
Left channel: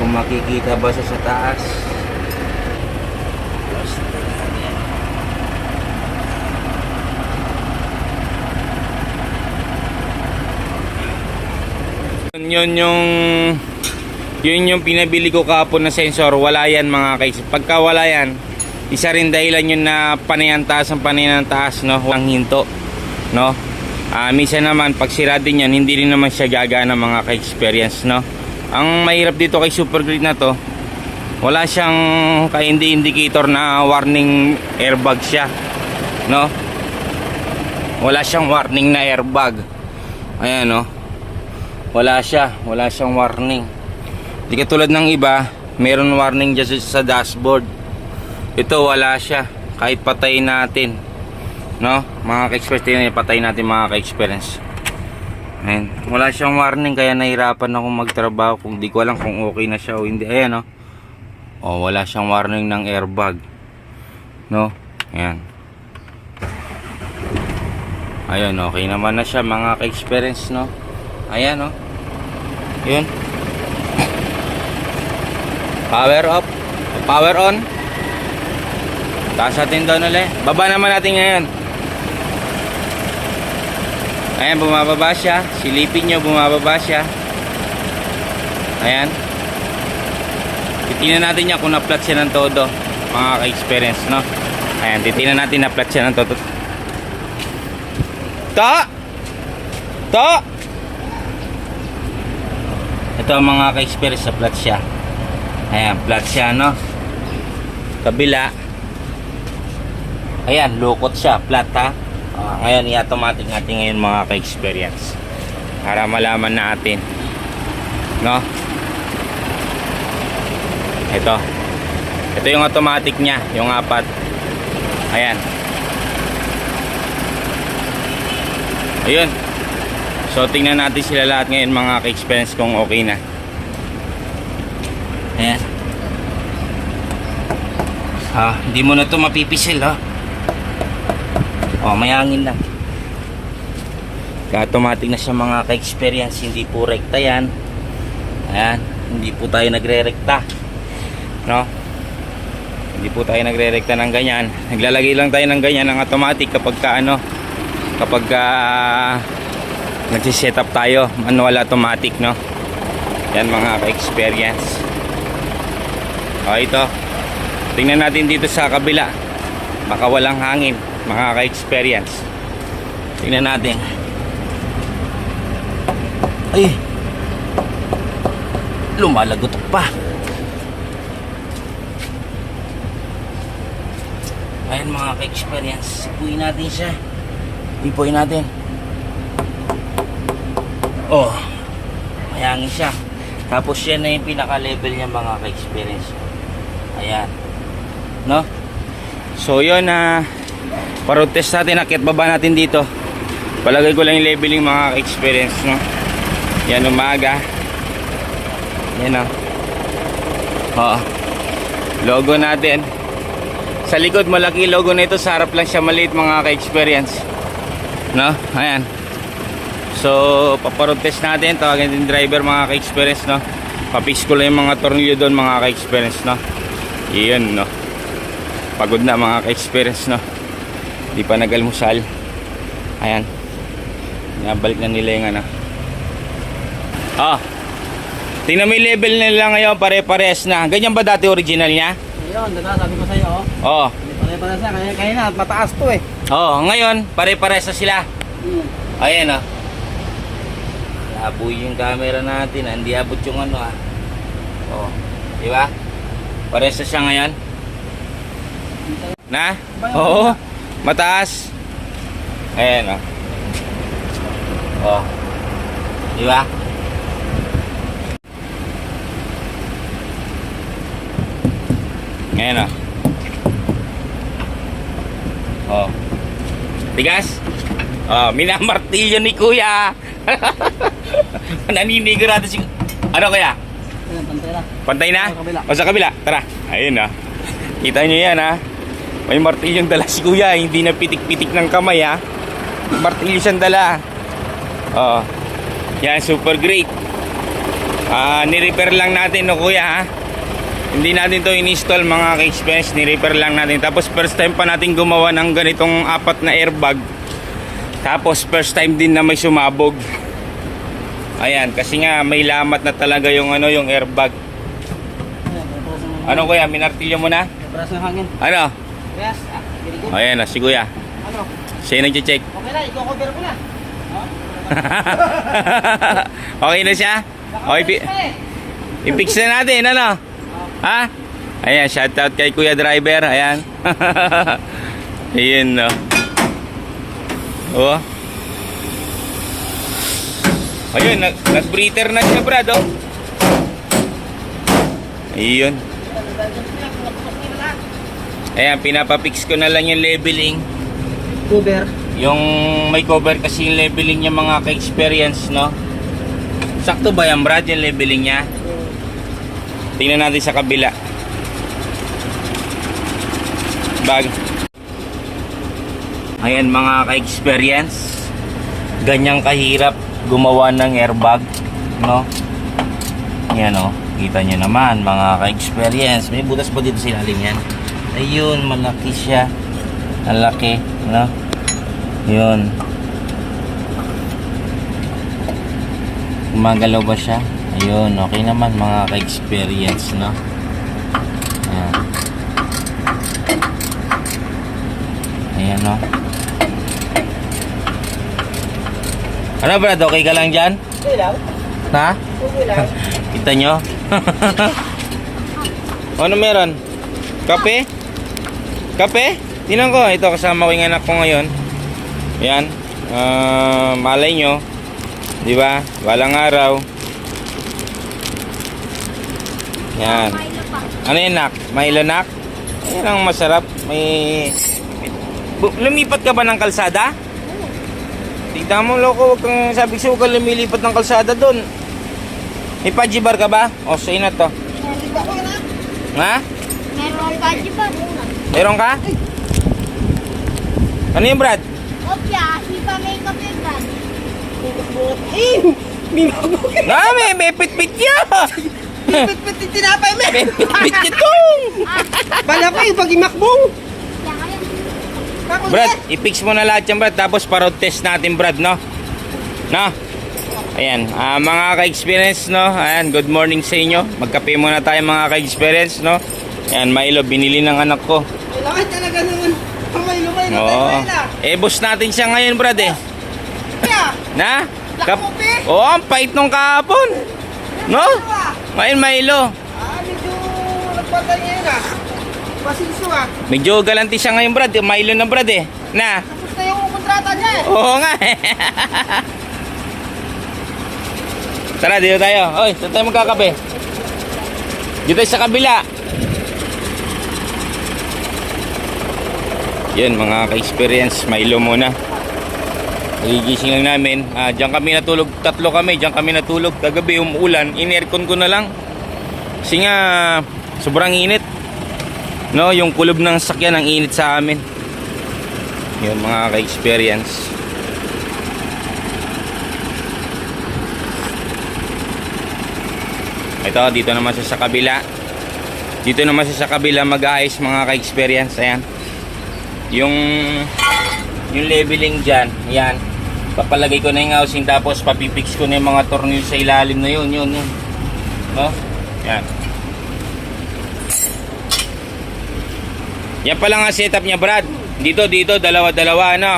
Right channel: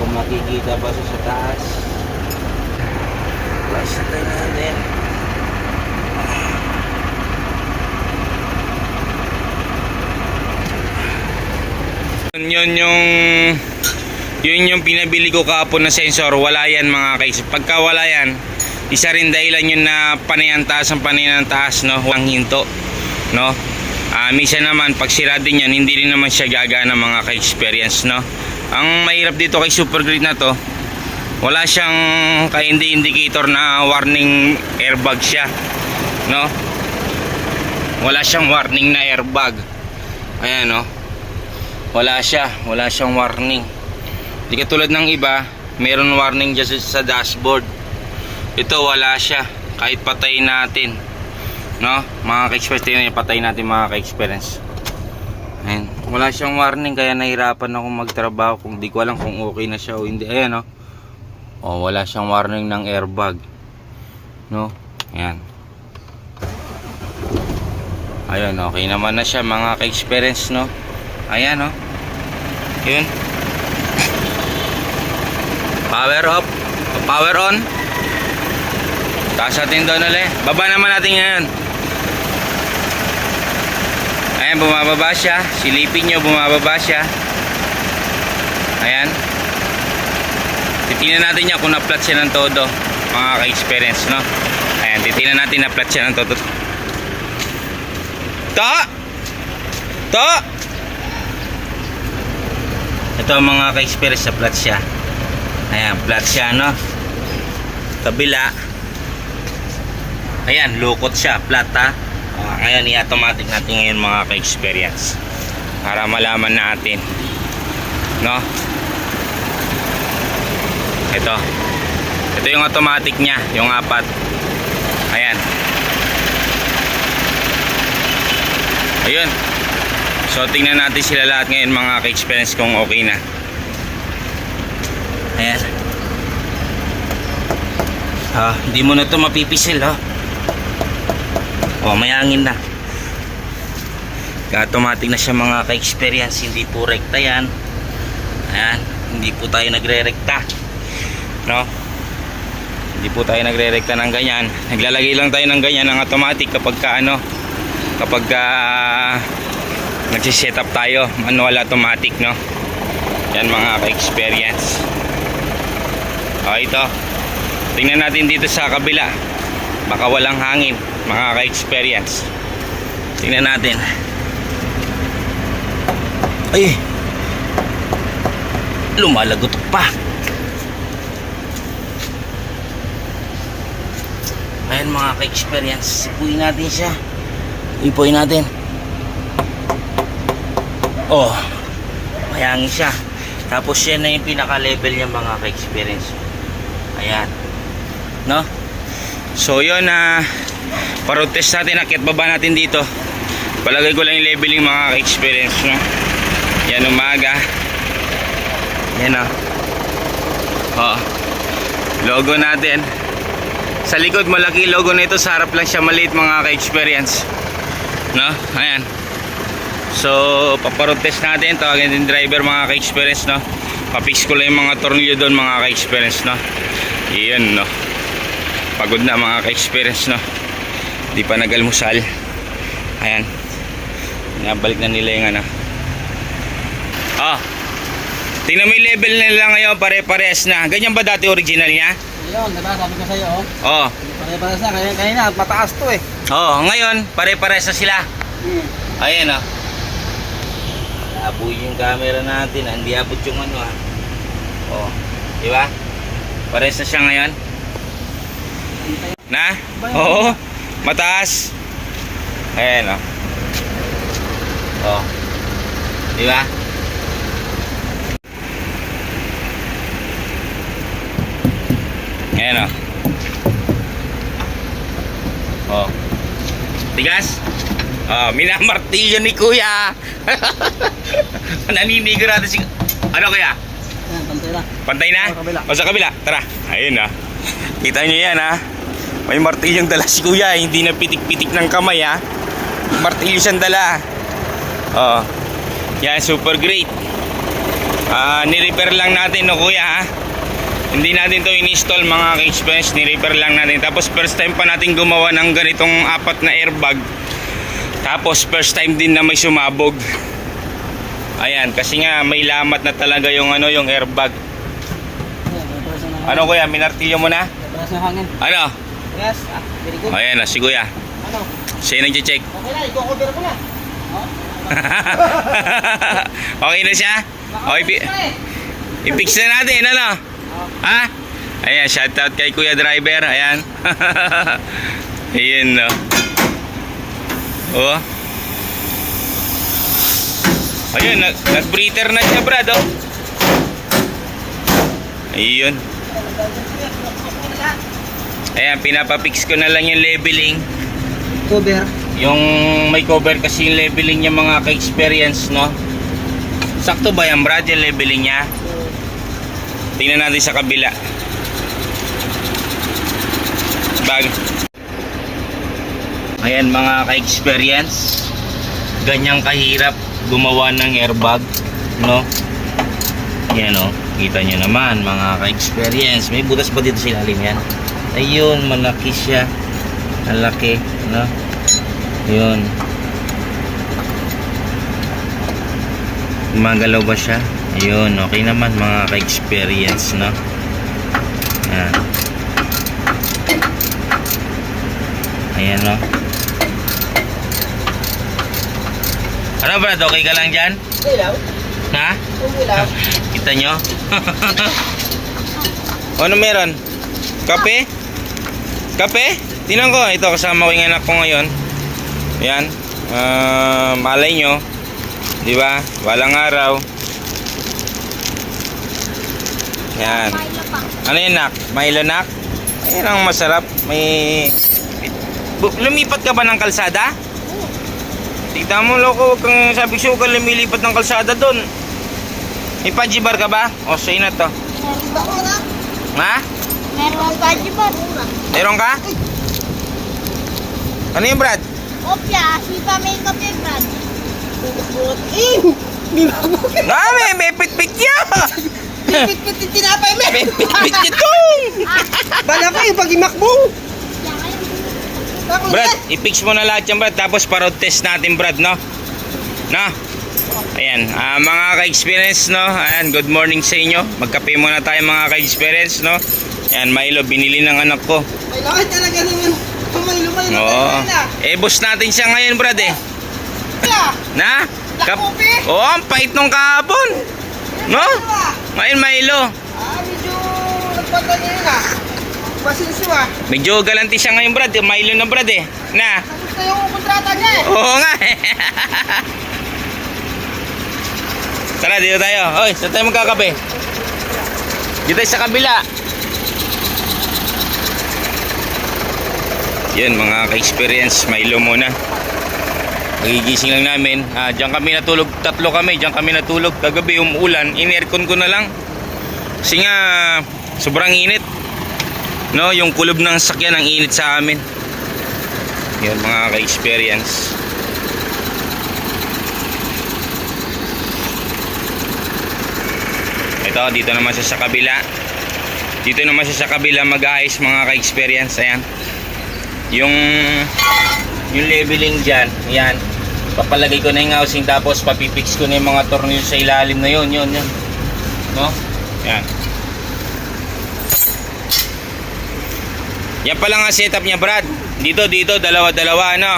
kung makikita ba siya sa taas. Plus natin. Yun yung pinabili ko kahapon na sensor. Wala yan mga guys. Pagka wala yan, isa rin dahilan yun na panayan taas, no? Walang hinto, no? Minsan naman pag sira din yan, hindi rin naman siya gagana mga ka-experience, no? Ang mahirap dito kay Super Great na to, wala siyang indicator na warning airbag siya, no? Wala siyang warning na airbag. Ayan, no? Wala siyang warning. Di katulad ng iba, meron warning dyan sa dashboard. Ito wala siya, kahit patay natin, no? Mga ka-experience, patay natin mga ka-experience. Ayan, wala siyang warning, kaya nahirapan ako magtrabaho kung di ko alam kung okay na siya o hindi. Ayan, no? Oh, wala siyang warning ng airbag, no? Ayan. Ayun, okay naman na siya mga ka-experience, no? Ayan, no? Yun. Power off, power on. Taas natin doon ulit. Baba naman natin ngayon. Ayan, bumababa siya. Silipin nyo, bumababa siya. Ayan. Titingnan natin niya kung na-flat siya ng todo, mga ka-experience, no? Ayan, titingnan natin na-flat siya ng todo. To! Ito ang mga ka-experience, sa flat siya. Ayan, flat siya, no? Kabila. Ayan, lukot siya, flat, ha? Ngayon, i-automatic natin ngayon mga ka-experience para malaman natin, no? Ito yung automatic niya, yung 4. Ayan. Ayun. So, tingnan natin sila lahat ngayon mga ka-experience kung okay na. Ayan. Hindi mo na ito mapipisil, ha? Oh, may hangin na. Automatic na siya mga ka-experience. Hindi po rekta yan. Ayan. Hindi po tayo nagre-rekta, no? Hindi po tayo nagre-rekta ng ganyan. Naglalagay lang tayo ng ganyan ng automatic kapag nagsiset up tayo. Manual automatic, no? Yan mga ka-experience. Ito. Tingnan natin dito sa kabila. Baka walang hangin mga ka-experience. Tingnan natin. Ay, lumalagotok pa. Ayan mga ka-experience. Sipuin natin siya. Ipuin natin. Oh, may hangin siya. Tapos yan na yung pinaka-level niya mga ka-experience. Ayan, no? So yun, pa-road test natin. Akit baba natin dito. Palagay ko lang yung leveling mga ka-experience, no? Yan, umaga. Yan, no? Oh, logo natin. Sa likod malaki logo na ito, sa harap lang siya maliit mga ka-experience, no? Ayan. So pa-road test natin. Tawagin din driver mga ka-experience, no? Papix ko lang yung mga tornilyo doon mga ka-experience, no? Iyan, no? Pagod na mga ka-experience, no? Di pa nag-almusal. Ayan. Nabalik na nila yung ano. Tingnan mo yung level nila ngayon, pare-pares na. Ganyan ba dati original niya? Ayun, diba? Sabi ko sa'yo, oh. Oo. Pare-pares na. Kanina, mataas to eh. Ngayon, pare-pares na sila. Ayan oh. Labo yung camera natin, hindi abot yung ano ah. Di ba? Pares na siya ngayon. Na? Oo. Mataas. Ayan oh. Di ba? Ayan oh. Tigas? Minamartilyo ni Kuya. Naninigurado si... Ano kaya? Ayan, pantay na. Pantay na? Sa kabila. O sa kabila? Tara. Ayun Kita nyo yan May martilyong dala si Kuya. Hindi na pitik-pitik ng kamay Martilyo siyang dala. Yan, super great. Ni-repair lang natin Kuya Hindi natin to in-install mga ka-experience. Ni-repair lang natin. Tapos first time pa natin gumawa ng ganitong 4 na airbag. Tapos first time din na may sumabog. Ayan, kasi nga may lamat na talaga yung yung airbag. Ayan, pare-pares na. Ano Kuya, minartilyo mo na? Pare-pares na hangin. Ano? Yes, very good. Ayan si Kuya. Ano? Siya yung nag-check. Okay na, i-cover ko na. Okay na siya? Okay, i-fix na natin, ano? Ha? Ayan, shoutout kay Kuya Driver. Ayan. Ayan, no. Ayun, nag-breather na siya, Brad, Ayun. Ayan, pinapapix ko na lang yung leveling. Cover. Yung may cover kasi yung leveling niya mga ka-experience, no? Sakto ba yan, Brad, yung leveling niya? Tingnan natin sa kabila. Ayan mga ka-experience, ganyang kahirap gumawa ng airbag, no? Yan kita nyo naman mga ka-experience. May butas pa dito sa ilalim yan. Ayun, malaki siya. Malaki, no? Yun. Gumagalaw ba siya? Ayun, okay naman mga ka-experience, no? Ayan. Ayan, no? Ano Brad, okay ka lang dyan? Okay lang. Ha? Okay lang. Kita nyo? Ano meron? Kape? Kape? Tingnan ko, ito kasama ko yung anak ko ngayon. Ayan. Malay nyo. Diba? Walang araw. Ayan. Ano yun, nak? Milo, nak? Ayan ang masarap. Lumipat ka ba ng kalsada? Tignan mo, loko. Huwag kang sabi sugal lumilipat ng kalsada doon. May pajibar ka ba? O, sa'yo na to. Ha? Meron pa di ba? Meron ka? Ano yung Brad? Opya, hipa makeup yung brand. Di ba ako? May pit-pit niya! Pit-pit yung tinapay mo. May pit-pit itong! Bala ko yung pag-imak mo. Brad, i-fix mo na lahat yan, Brad. Tapos parod test natin, Brad, no? No? Ayan, mga ka-experience, no? Ayan, good morning sa inyo. Magkape muna tayo, mga ka-experience, no? Ayan, Milo, binili ng anak ko. Kailangan talaga naman. Kamay-lumay na Oo. tayo na. Boss natin siya ngayon, Brad, Kaya, Na? Lakope? Oo, ang pait nung kahapon. No? Ngayon, Milo. medyo nagpatay ngayon Pasensyo Medyo galanti siya ngayon, Brad. Milo na, Brad, Na? Tapos na yung kontrata niya Oo nga, Tara, dito tayo. Oy, saan tayo magkakape? Dito sa kabila. Yan, mga ka-experience. Milo muna. Magigising lang namin. Diyan kami natulog. 3 kami. Diyan kami natulog. Kagabi umuulan. In-aircon ko na lang. Kasi nga, sobrang init. No, yung kulob ng sakyan ang init sa amin. Yan, mga ka-experience. Ito, dito naman siya sa kabila. Dito naman siya sa kabila mag-aayos, mga ka-experience. Ayan. Yung yung leveling dyan, yan. Papalagay ko na yung housing, tapos papipix ko na yung mga tornilyo sa ilalim na yun. No? Yan. Yan pala nga setup niya, Brad. Dito, dalawa-dalawa, ano?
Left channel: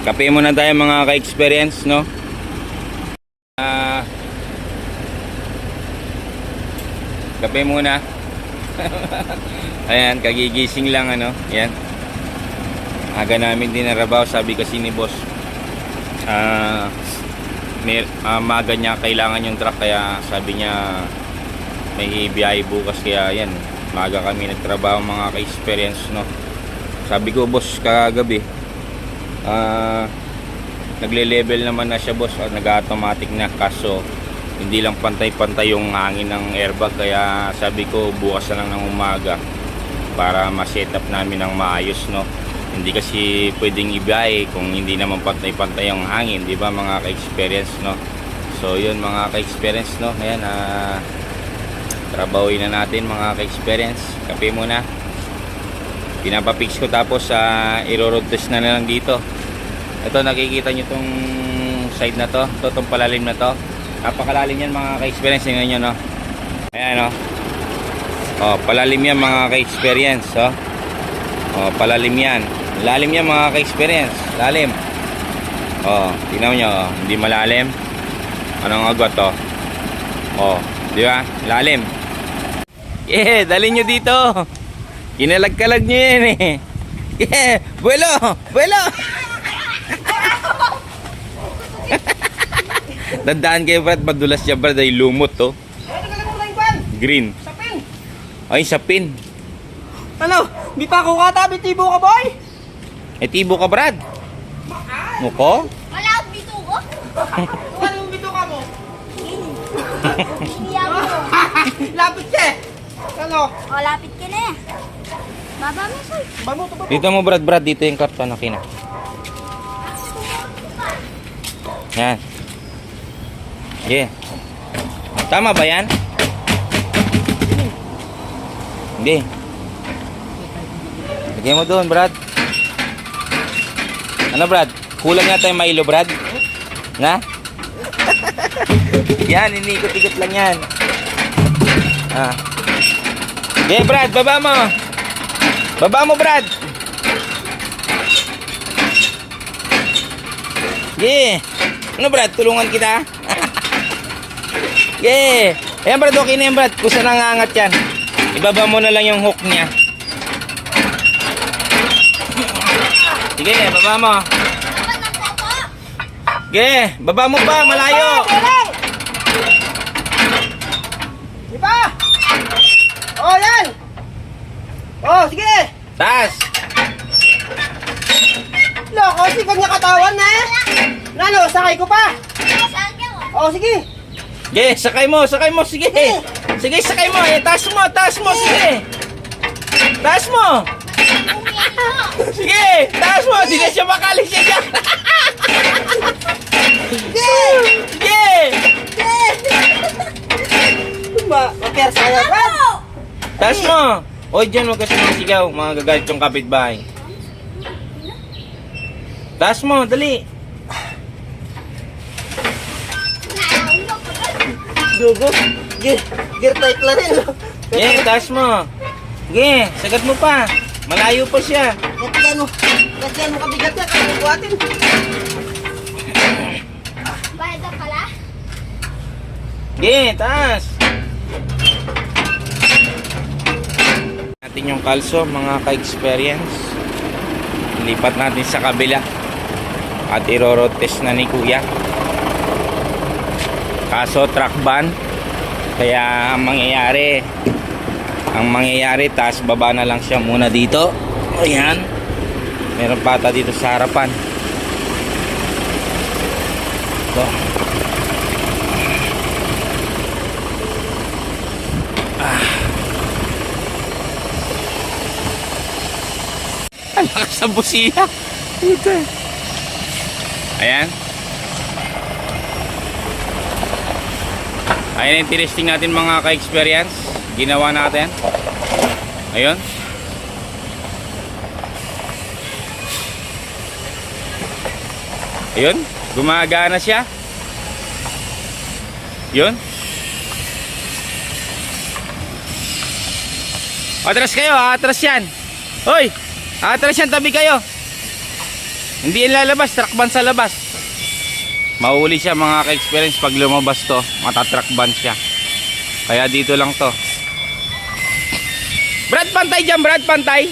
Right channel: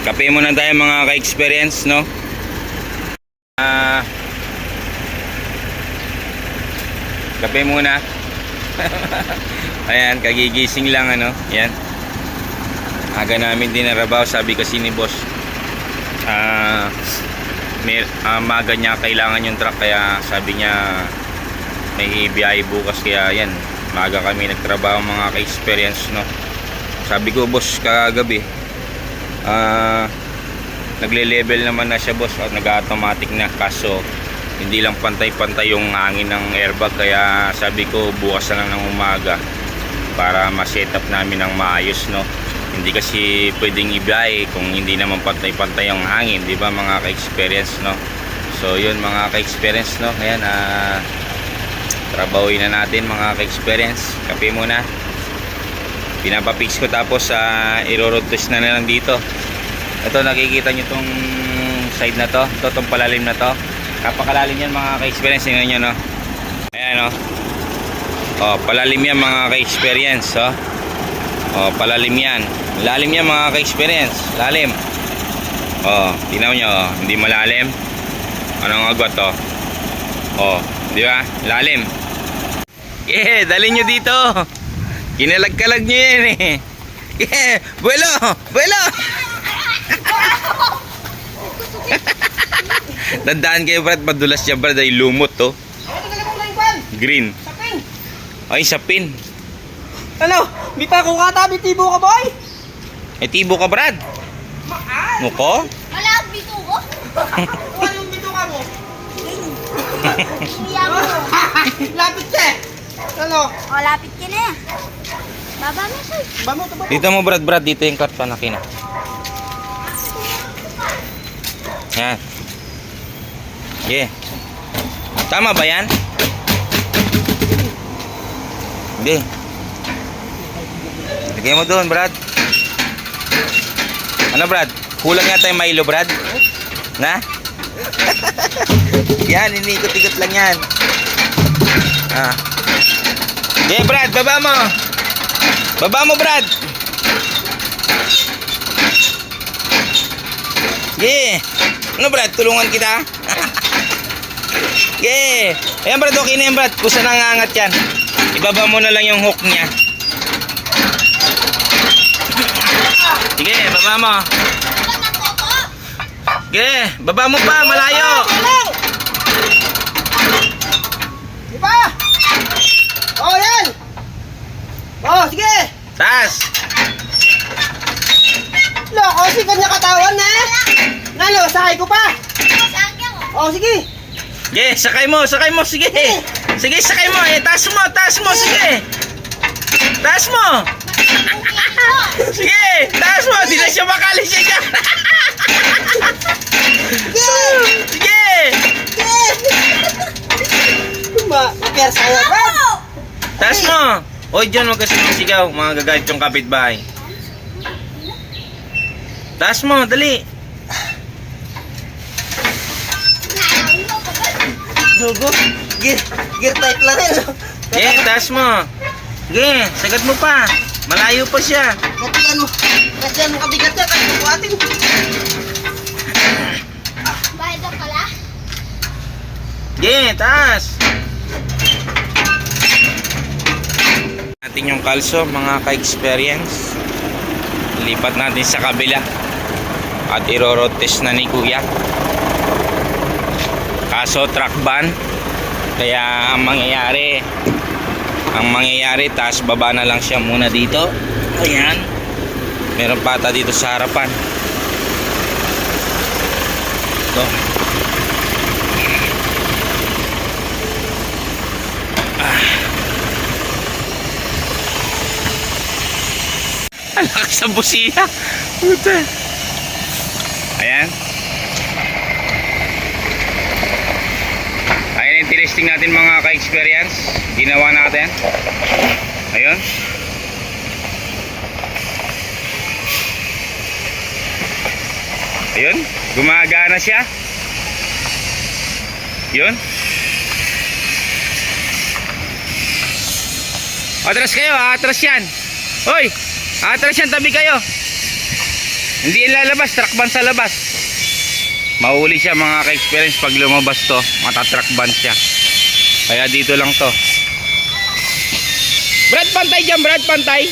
Kape muna tayo mga ka-experience, no? Kape muna. Ayan, kagigising lang, ano? Ayan. Aga namin din narabaw, sabi kasi ni boss. Maga niya kailangan yung truck, kaya sabi niya may biyahe bukas, kaya yan. Maga kami nagtrabaho mga ka-experience, no? Sabi ko, boss, kagabi. Nagle-level naman na siya, boss, at nag-automatic na, kaso hindi lang pantay-pantay yung hangin ng airbag, kaya sabi ko bukas na lang ng umaga para ma-setup namin ng maayos, no? Hindi kasi pwedeng ibiyahe kung hindi naman pantay-pantay yung hangin, di ba mga ka-experience, no? So yun mga ka-experience, no? Ayan, trabahuin na natin mga ka-experience. Kape muna. Pinapapix ko, tapos i-road test na lang dito. Ito, nakikita nyo tong side na to, itong palalim na to. Napakalalim yan mga ka-experience, tingnan nyo, no? Ayan, no? Oh, palalim yan mga ka-experience, oh. Oh, palalim yan. Lalim yan mga ka-experience, lalim. Oh, tingnan nyo, oh. Hindi malalim. Anong agot, oh? Oh, di ba? Lalim. Yeah, dalhin nyo dito. Kinalag-kalag nyo yan, eh. Yeah, buelo! Buelo! Tandaan kayo, Brad, madulas siya, Brad, ay lumot, to. Green. Sapin! Ay, sapin. Ano? Di pa ako katabi, tibo ka, boy! Ay, tibo ka, Brad. Nuko? Wala ang bito ko. Ano yung dito ka mo? Iya mo. Lapit ka eh! Ano? Malapit ka na. Baba mo siya. Bamo to ba? Dito mo, Brad, dito yung karton na kina. Yan. Yeah. Tama ba yan? Hindi. Lagay mo doon, Brad. Ano, Brad? Kulang yata yung Milo, Brad? Na? Yan, inikot-ikot lang yan. Okay, Brad, baba mo. Baba mo, Brad. Sige. Ano, Brad? Tulungan kita. Sige. Ayan, Brad. Okay na yan, Brad. Kusa nangangat yan. Ibaba mo na lang yung hook niya. Sige, baba mo. Sige, baba mo pa. Malayo. Di ba? Oh, yan! Oh, sige! Taas. Loko, si kanya katawan na eh! Nalo, sakay ko pa! Oh, sige! Sige, sakay mo. Sige. Sige, sakay mo. Taas mo. Sige. Taas mo. Sige, taas mo. Di na siya makali siya dyan. Sige. Kaya saya pa! Taas mo. Oy, dyan huwag kasi masigaw. Mga gagalit yung kapitbahay. Taas mo, dali. Dugo! Gear tight lang rin! Sige, taas mo. Sige, sagat mo pa. Malayo pa siya. Kasi ano kabigat niya, kaya buhatin! Bayad na pala. Sige, taas. Natin yung kalso, mga ka-experience. Lipat natin sa kabila. At i-road test na ni Kuya. Kaso truck ban. Kaya ang mangyayari, taas baba na lang siya muna dito. Ayan. Meron pata dito sa harapan. Ito. Ang lakas sa busina. Puta. Ayan. Ayun yung tinesting natin mga ka-experience. Ginawa natin. Ayun. Ayun. Gumagana siya. Yun. Atras kayo, atras yan. Hoy, atras yan, tabi kayo. Hindi yan lalabas, truck ban sa labas. Mahuli siya mga ka-experience pag lumabas to. Matatruck ban siya. Kaya dito lang to. Brad, pantay dyan, Brad, pantay.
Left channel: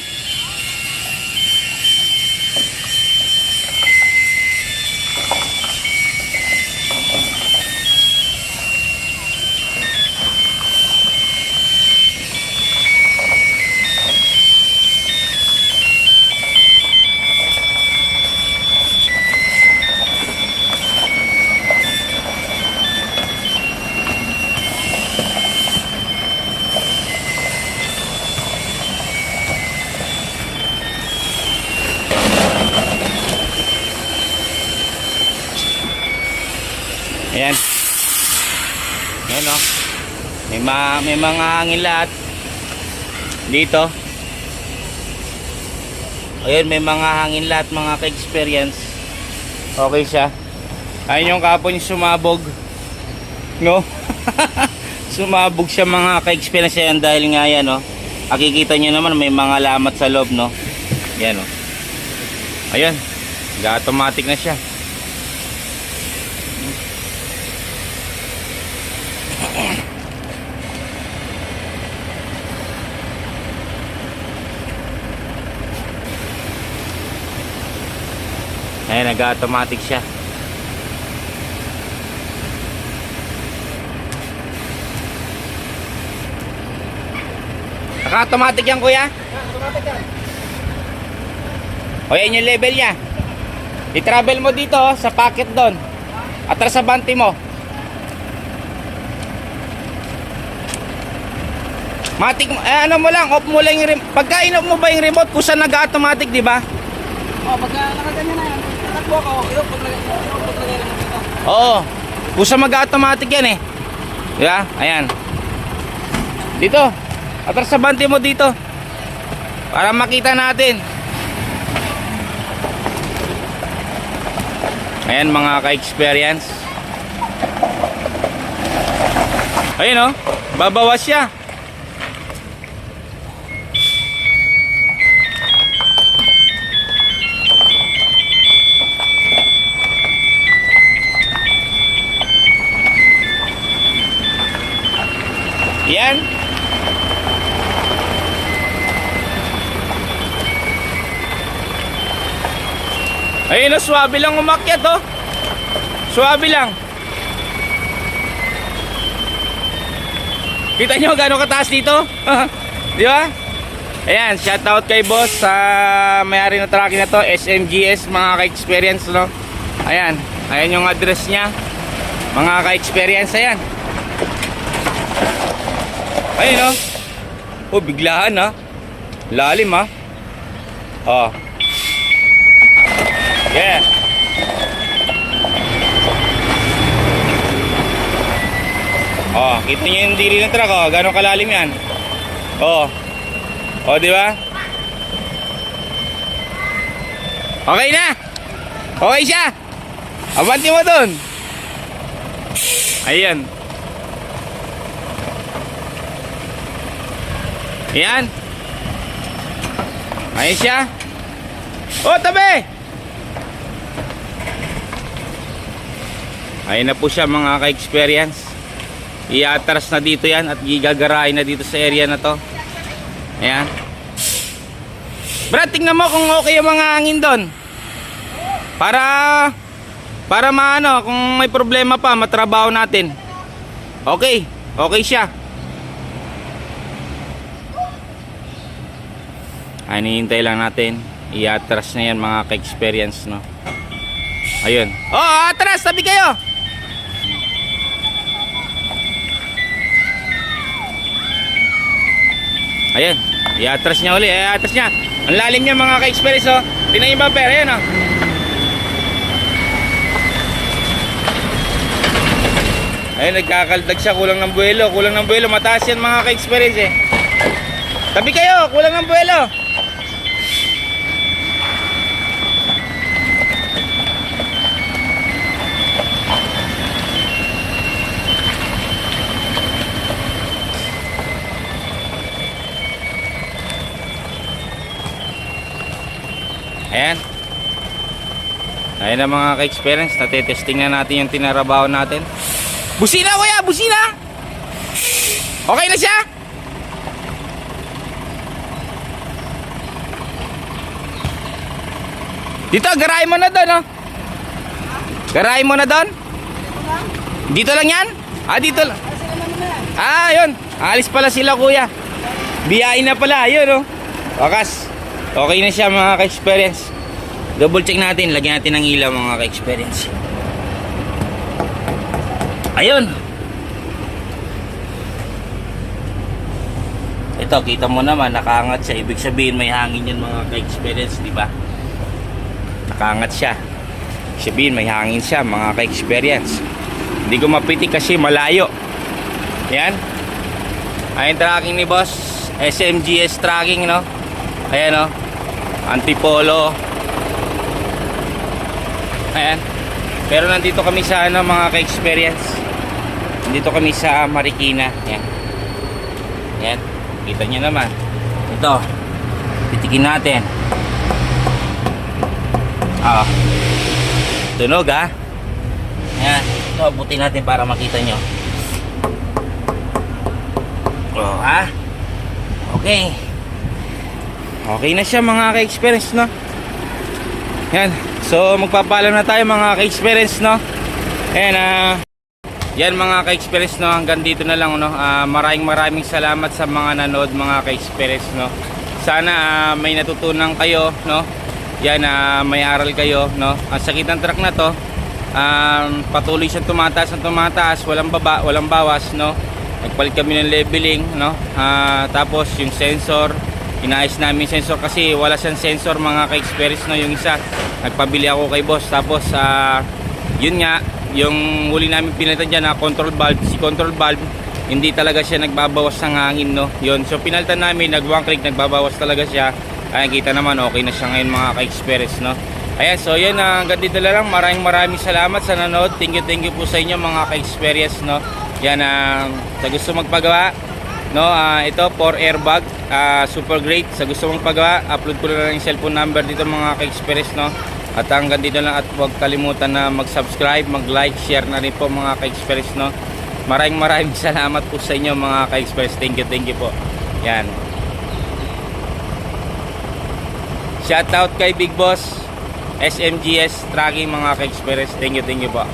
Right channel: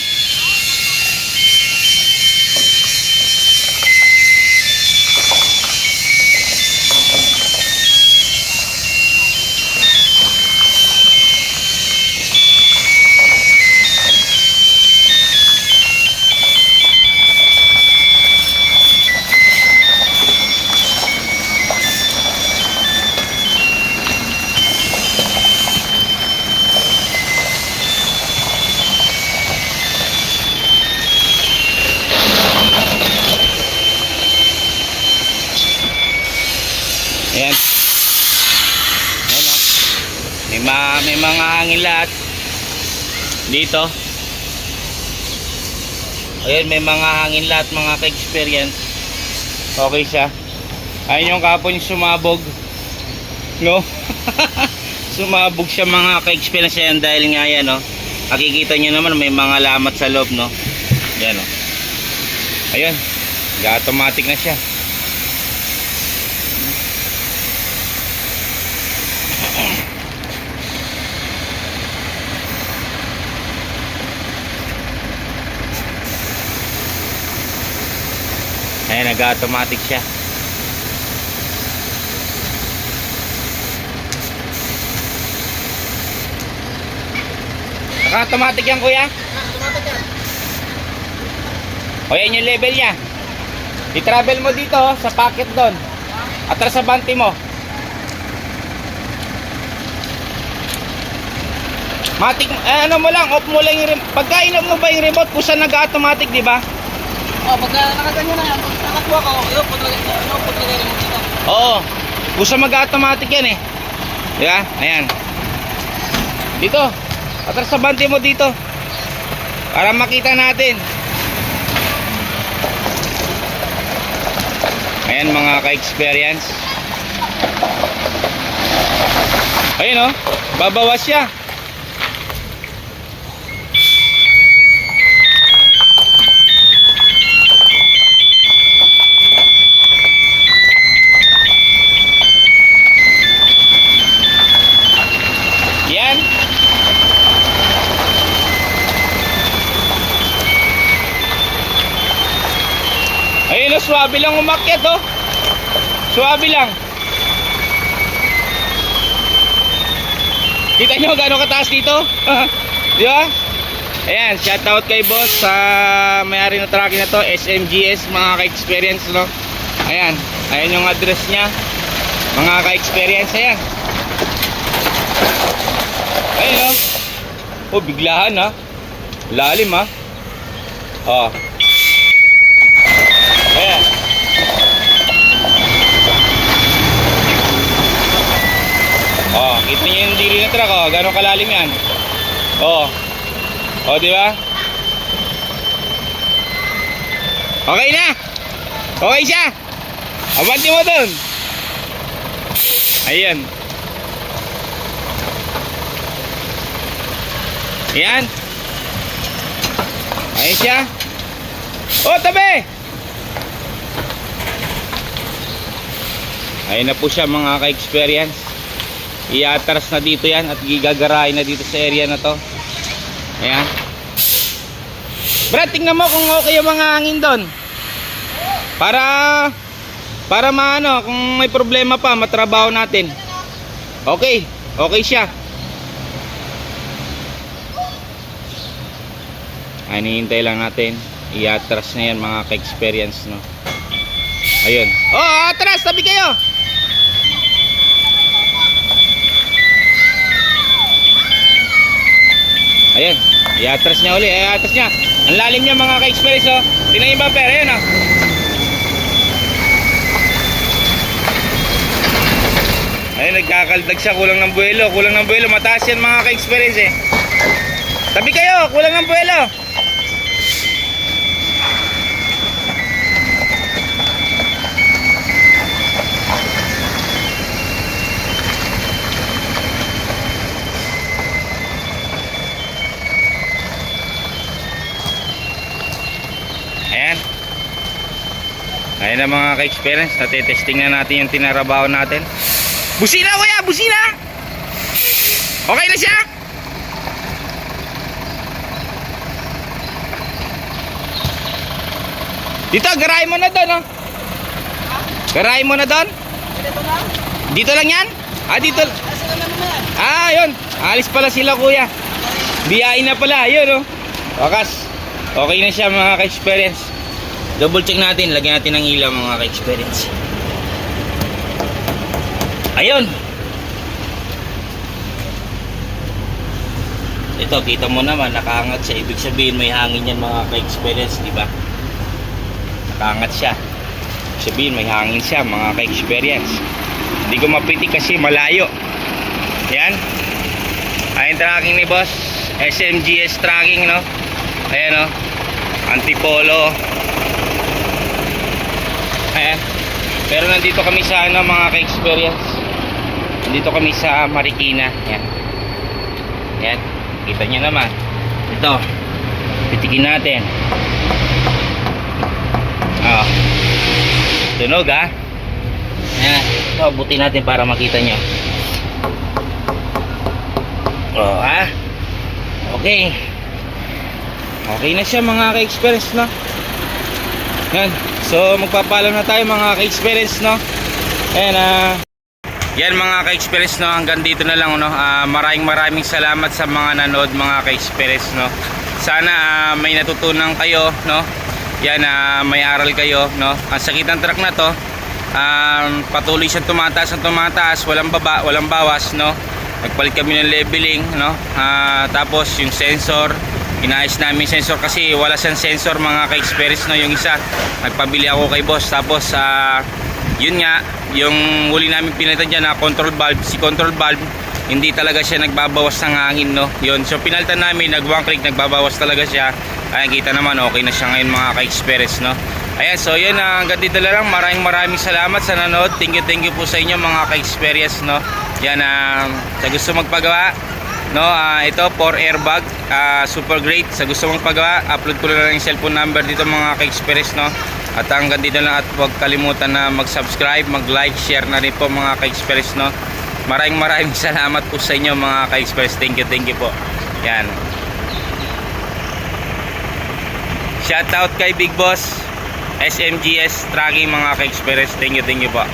Ayan. Ayan o. May mga hangin lahat. Dito. Ayan, may mga hangin lahat mga ka-experience. Okay siya. Ayun yung kapon yung sumabog. No? Sumabog siya mga ka-experience. Ayan dahil nga yan o. Nakikita nyo naman may mga lamat sa loob no. Ayan o. Ayan. Automatic na siya. Ayan, nag-automatic siya. Naka-automatic yan kuya? O yan yung level niya. I-travel mo dito sa pocket doon. Atras sa bante mo. Matik, ano mo lang, off mo lang yung remote. Pagka in-off mo ba yung remote, pusa nag-automatic, di ba? Oh, pagka nakaganyan na yan, nakakwa ko, iupo talaga yung dito. Oo. Pusa mag-automatic yan eh. Di ba? Ayan. Dito. Atras sa bante mo dito. Para makita natin. Ayan mga ka-experience. Ayun oh. Babawas siya. Yan. Ayun o, swabe lang umakyat oh. Swabe lang. Kita nyo gano'ng kataas dito? Di ba? Ayan, shoutout kay boss sa may-ari na tracking na to, SMGS mga ka-experience no. Ayan, ayan yung address niya. Mga ka-experience, ayan. Ayun oh. Oh, biglaan ha. Lalim ha. Oh. Yeah. Oh, kita niyo yung dili ng truck oh. Gano'ng kalalim yan. Oh. Oh, di ba? Okay na. Okay siya. Abanti mo dun. Ayan. Ayan. Ayan siya. Oh, tabi. Ayan na po siya mga ka-experience. Iatras na dito yan at gigagarahin na dito sa area na to. Ayan. Brad, tingnan mo kung okay yung mga hangin doon. Para maano, kung may problema pa, matrabaho natin. Okay. Okay siya. Ay, hinihintay lang natin. Iatras na yan mga ka-experience no. Ayun. Oh, atras, tabi kayo. Ayan, iatras niya uli, iatras niya. Ang lalim niya mga ka-experience oh. Tingnan yung bumper, ayan oh. Ayun, nagkakaldag siya. Kulang ng buwelo. Kulang ng buwelo. Mataas yan mga ka-experience eh. Tabi kayo. Kulang ng buwelo. Ayan. Ayan na mga ka-experience. Natetesting na natin yung tinarabaho natin. Busina kuya! Busina! Okay na siya? Dito, garahin mo na doon, oh. Garahin mo na doon. Dito lang yan? Ah, dito. Ah, yun. Alis pala sila kuya. Biyain na pala. Ayun, oh. Wakas. Okay na siya mga ka-experience. Double check natin. Lagyan natin ng ilaw mga ka-experience. Ayun. Ito, kita mo naman, nakaangat siya. Ibig sabihin may hangin yan mga ka-experience, di ba? Nakaangat siya. Sabihin may hangin siya mga ka-experience. Hindi ko mapitik kasi malayo. Yan. Ayun tracking ni boss. SMGS tracking, no? Ayan, no? Antipolo. Ayan. Pero nandito kami sa ano mga ka-experience. Nandito kami sa Marikina. Ayan. Ayan. Kita nyo naman. Ito. Pitikin natin. Ah. Tunog ha. Ayan. Ito, buti natin para makita nyo. Oh ha. Okay. Okay na siya mga ka-experience, no? Ayan. So magpapaalam na tayo mga ka-experience, no? Ayan, yan mga ka-experience, no? Hanggang dito na lang, no? Maraming salamat sa mga nanood mga ka-experience, no? Sana may natutunan kayo, no? Yan, may aral kayo, no? Ang sakit ng truck na to, patuloy siyang tumataas, walang baba, walang bawas, no? Nagpalit kami ng leveling, no? Tapos yung sensor, inaayos namin yung sensor kasi wala siyang sensor mga ka-experience, no? Yung isa, nagpabili ako kay boss. Tapos yun nga, yung huli namin pinalitan dyan na control valve, si control valve hindi talaga siya nagbabawas ng hangin, no? Yun, so pinalitan namin, nag-one click, nagbabawas talaga siya. Ayan, kita naman, okay na siya ngayon mga ka-experience, no? Ayan, so yun, hanggang dito na lang. Maraming salamat sa nanood. Thank you po sa inyo mga ka-experience, no? Yan, sa gusto magpagawa, no, ito 4 airbag, super great. Sa gusto mong pagawa, upload ko na lang yung cellphone number dito mga ka-experience, no. At hanggang dito lang, at huwag kalimutan na mag-subscribe, mag-like, share na rin po mga ka-experience, no. Maraming salamat po sa inyo mga ka-experience. Thank you po. Yan. Shout out kay Big Boss SMGS Tracking mga ka-experience. Thank you po.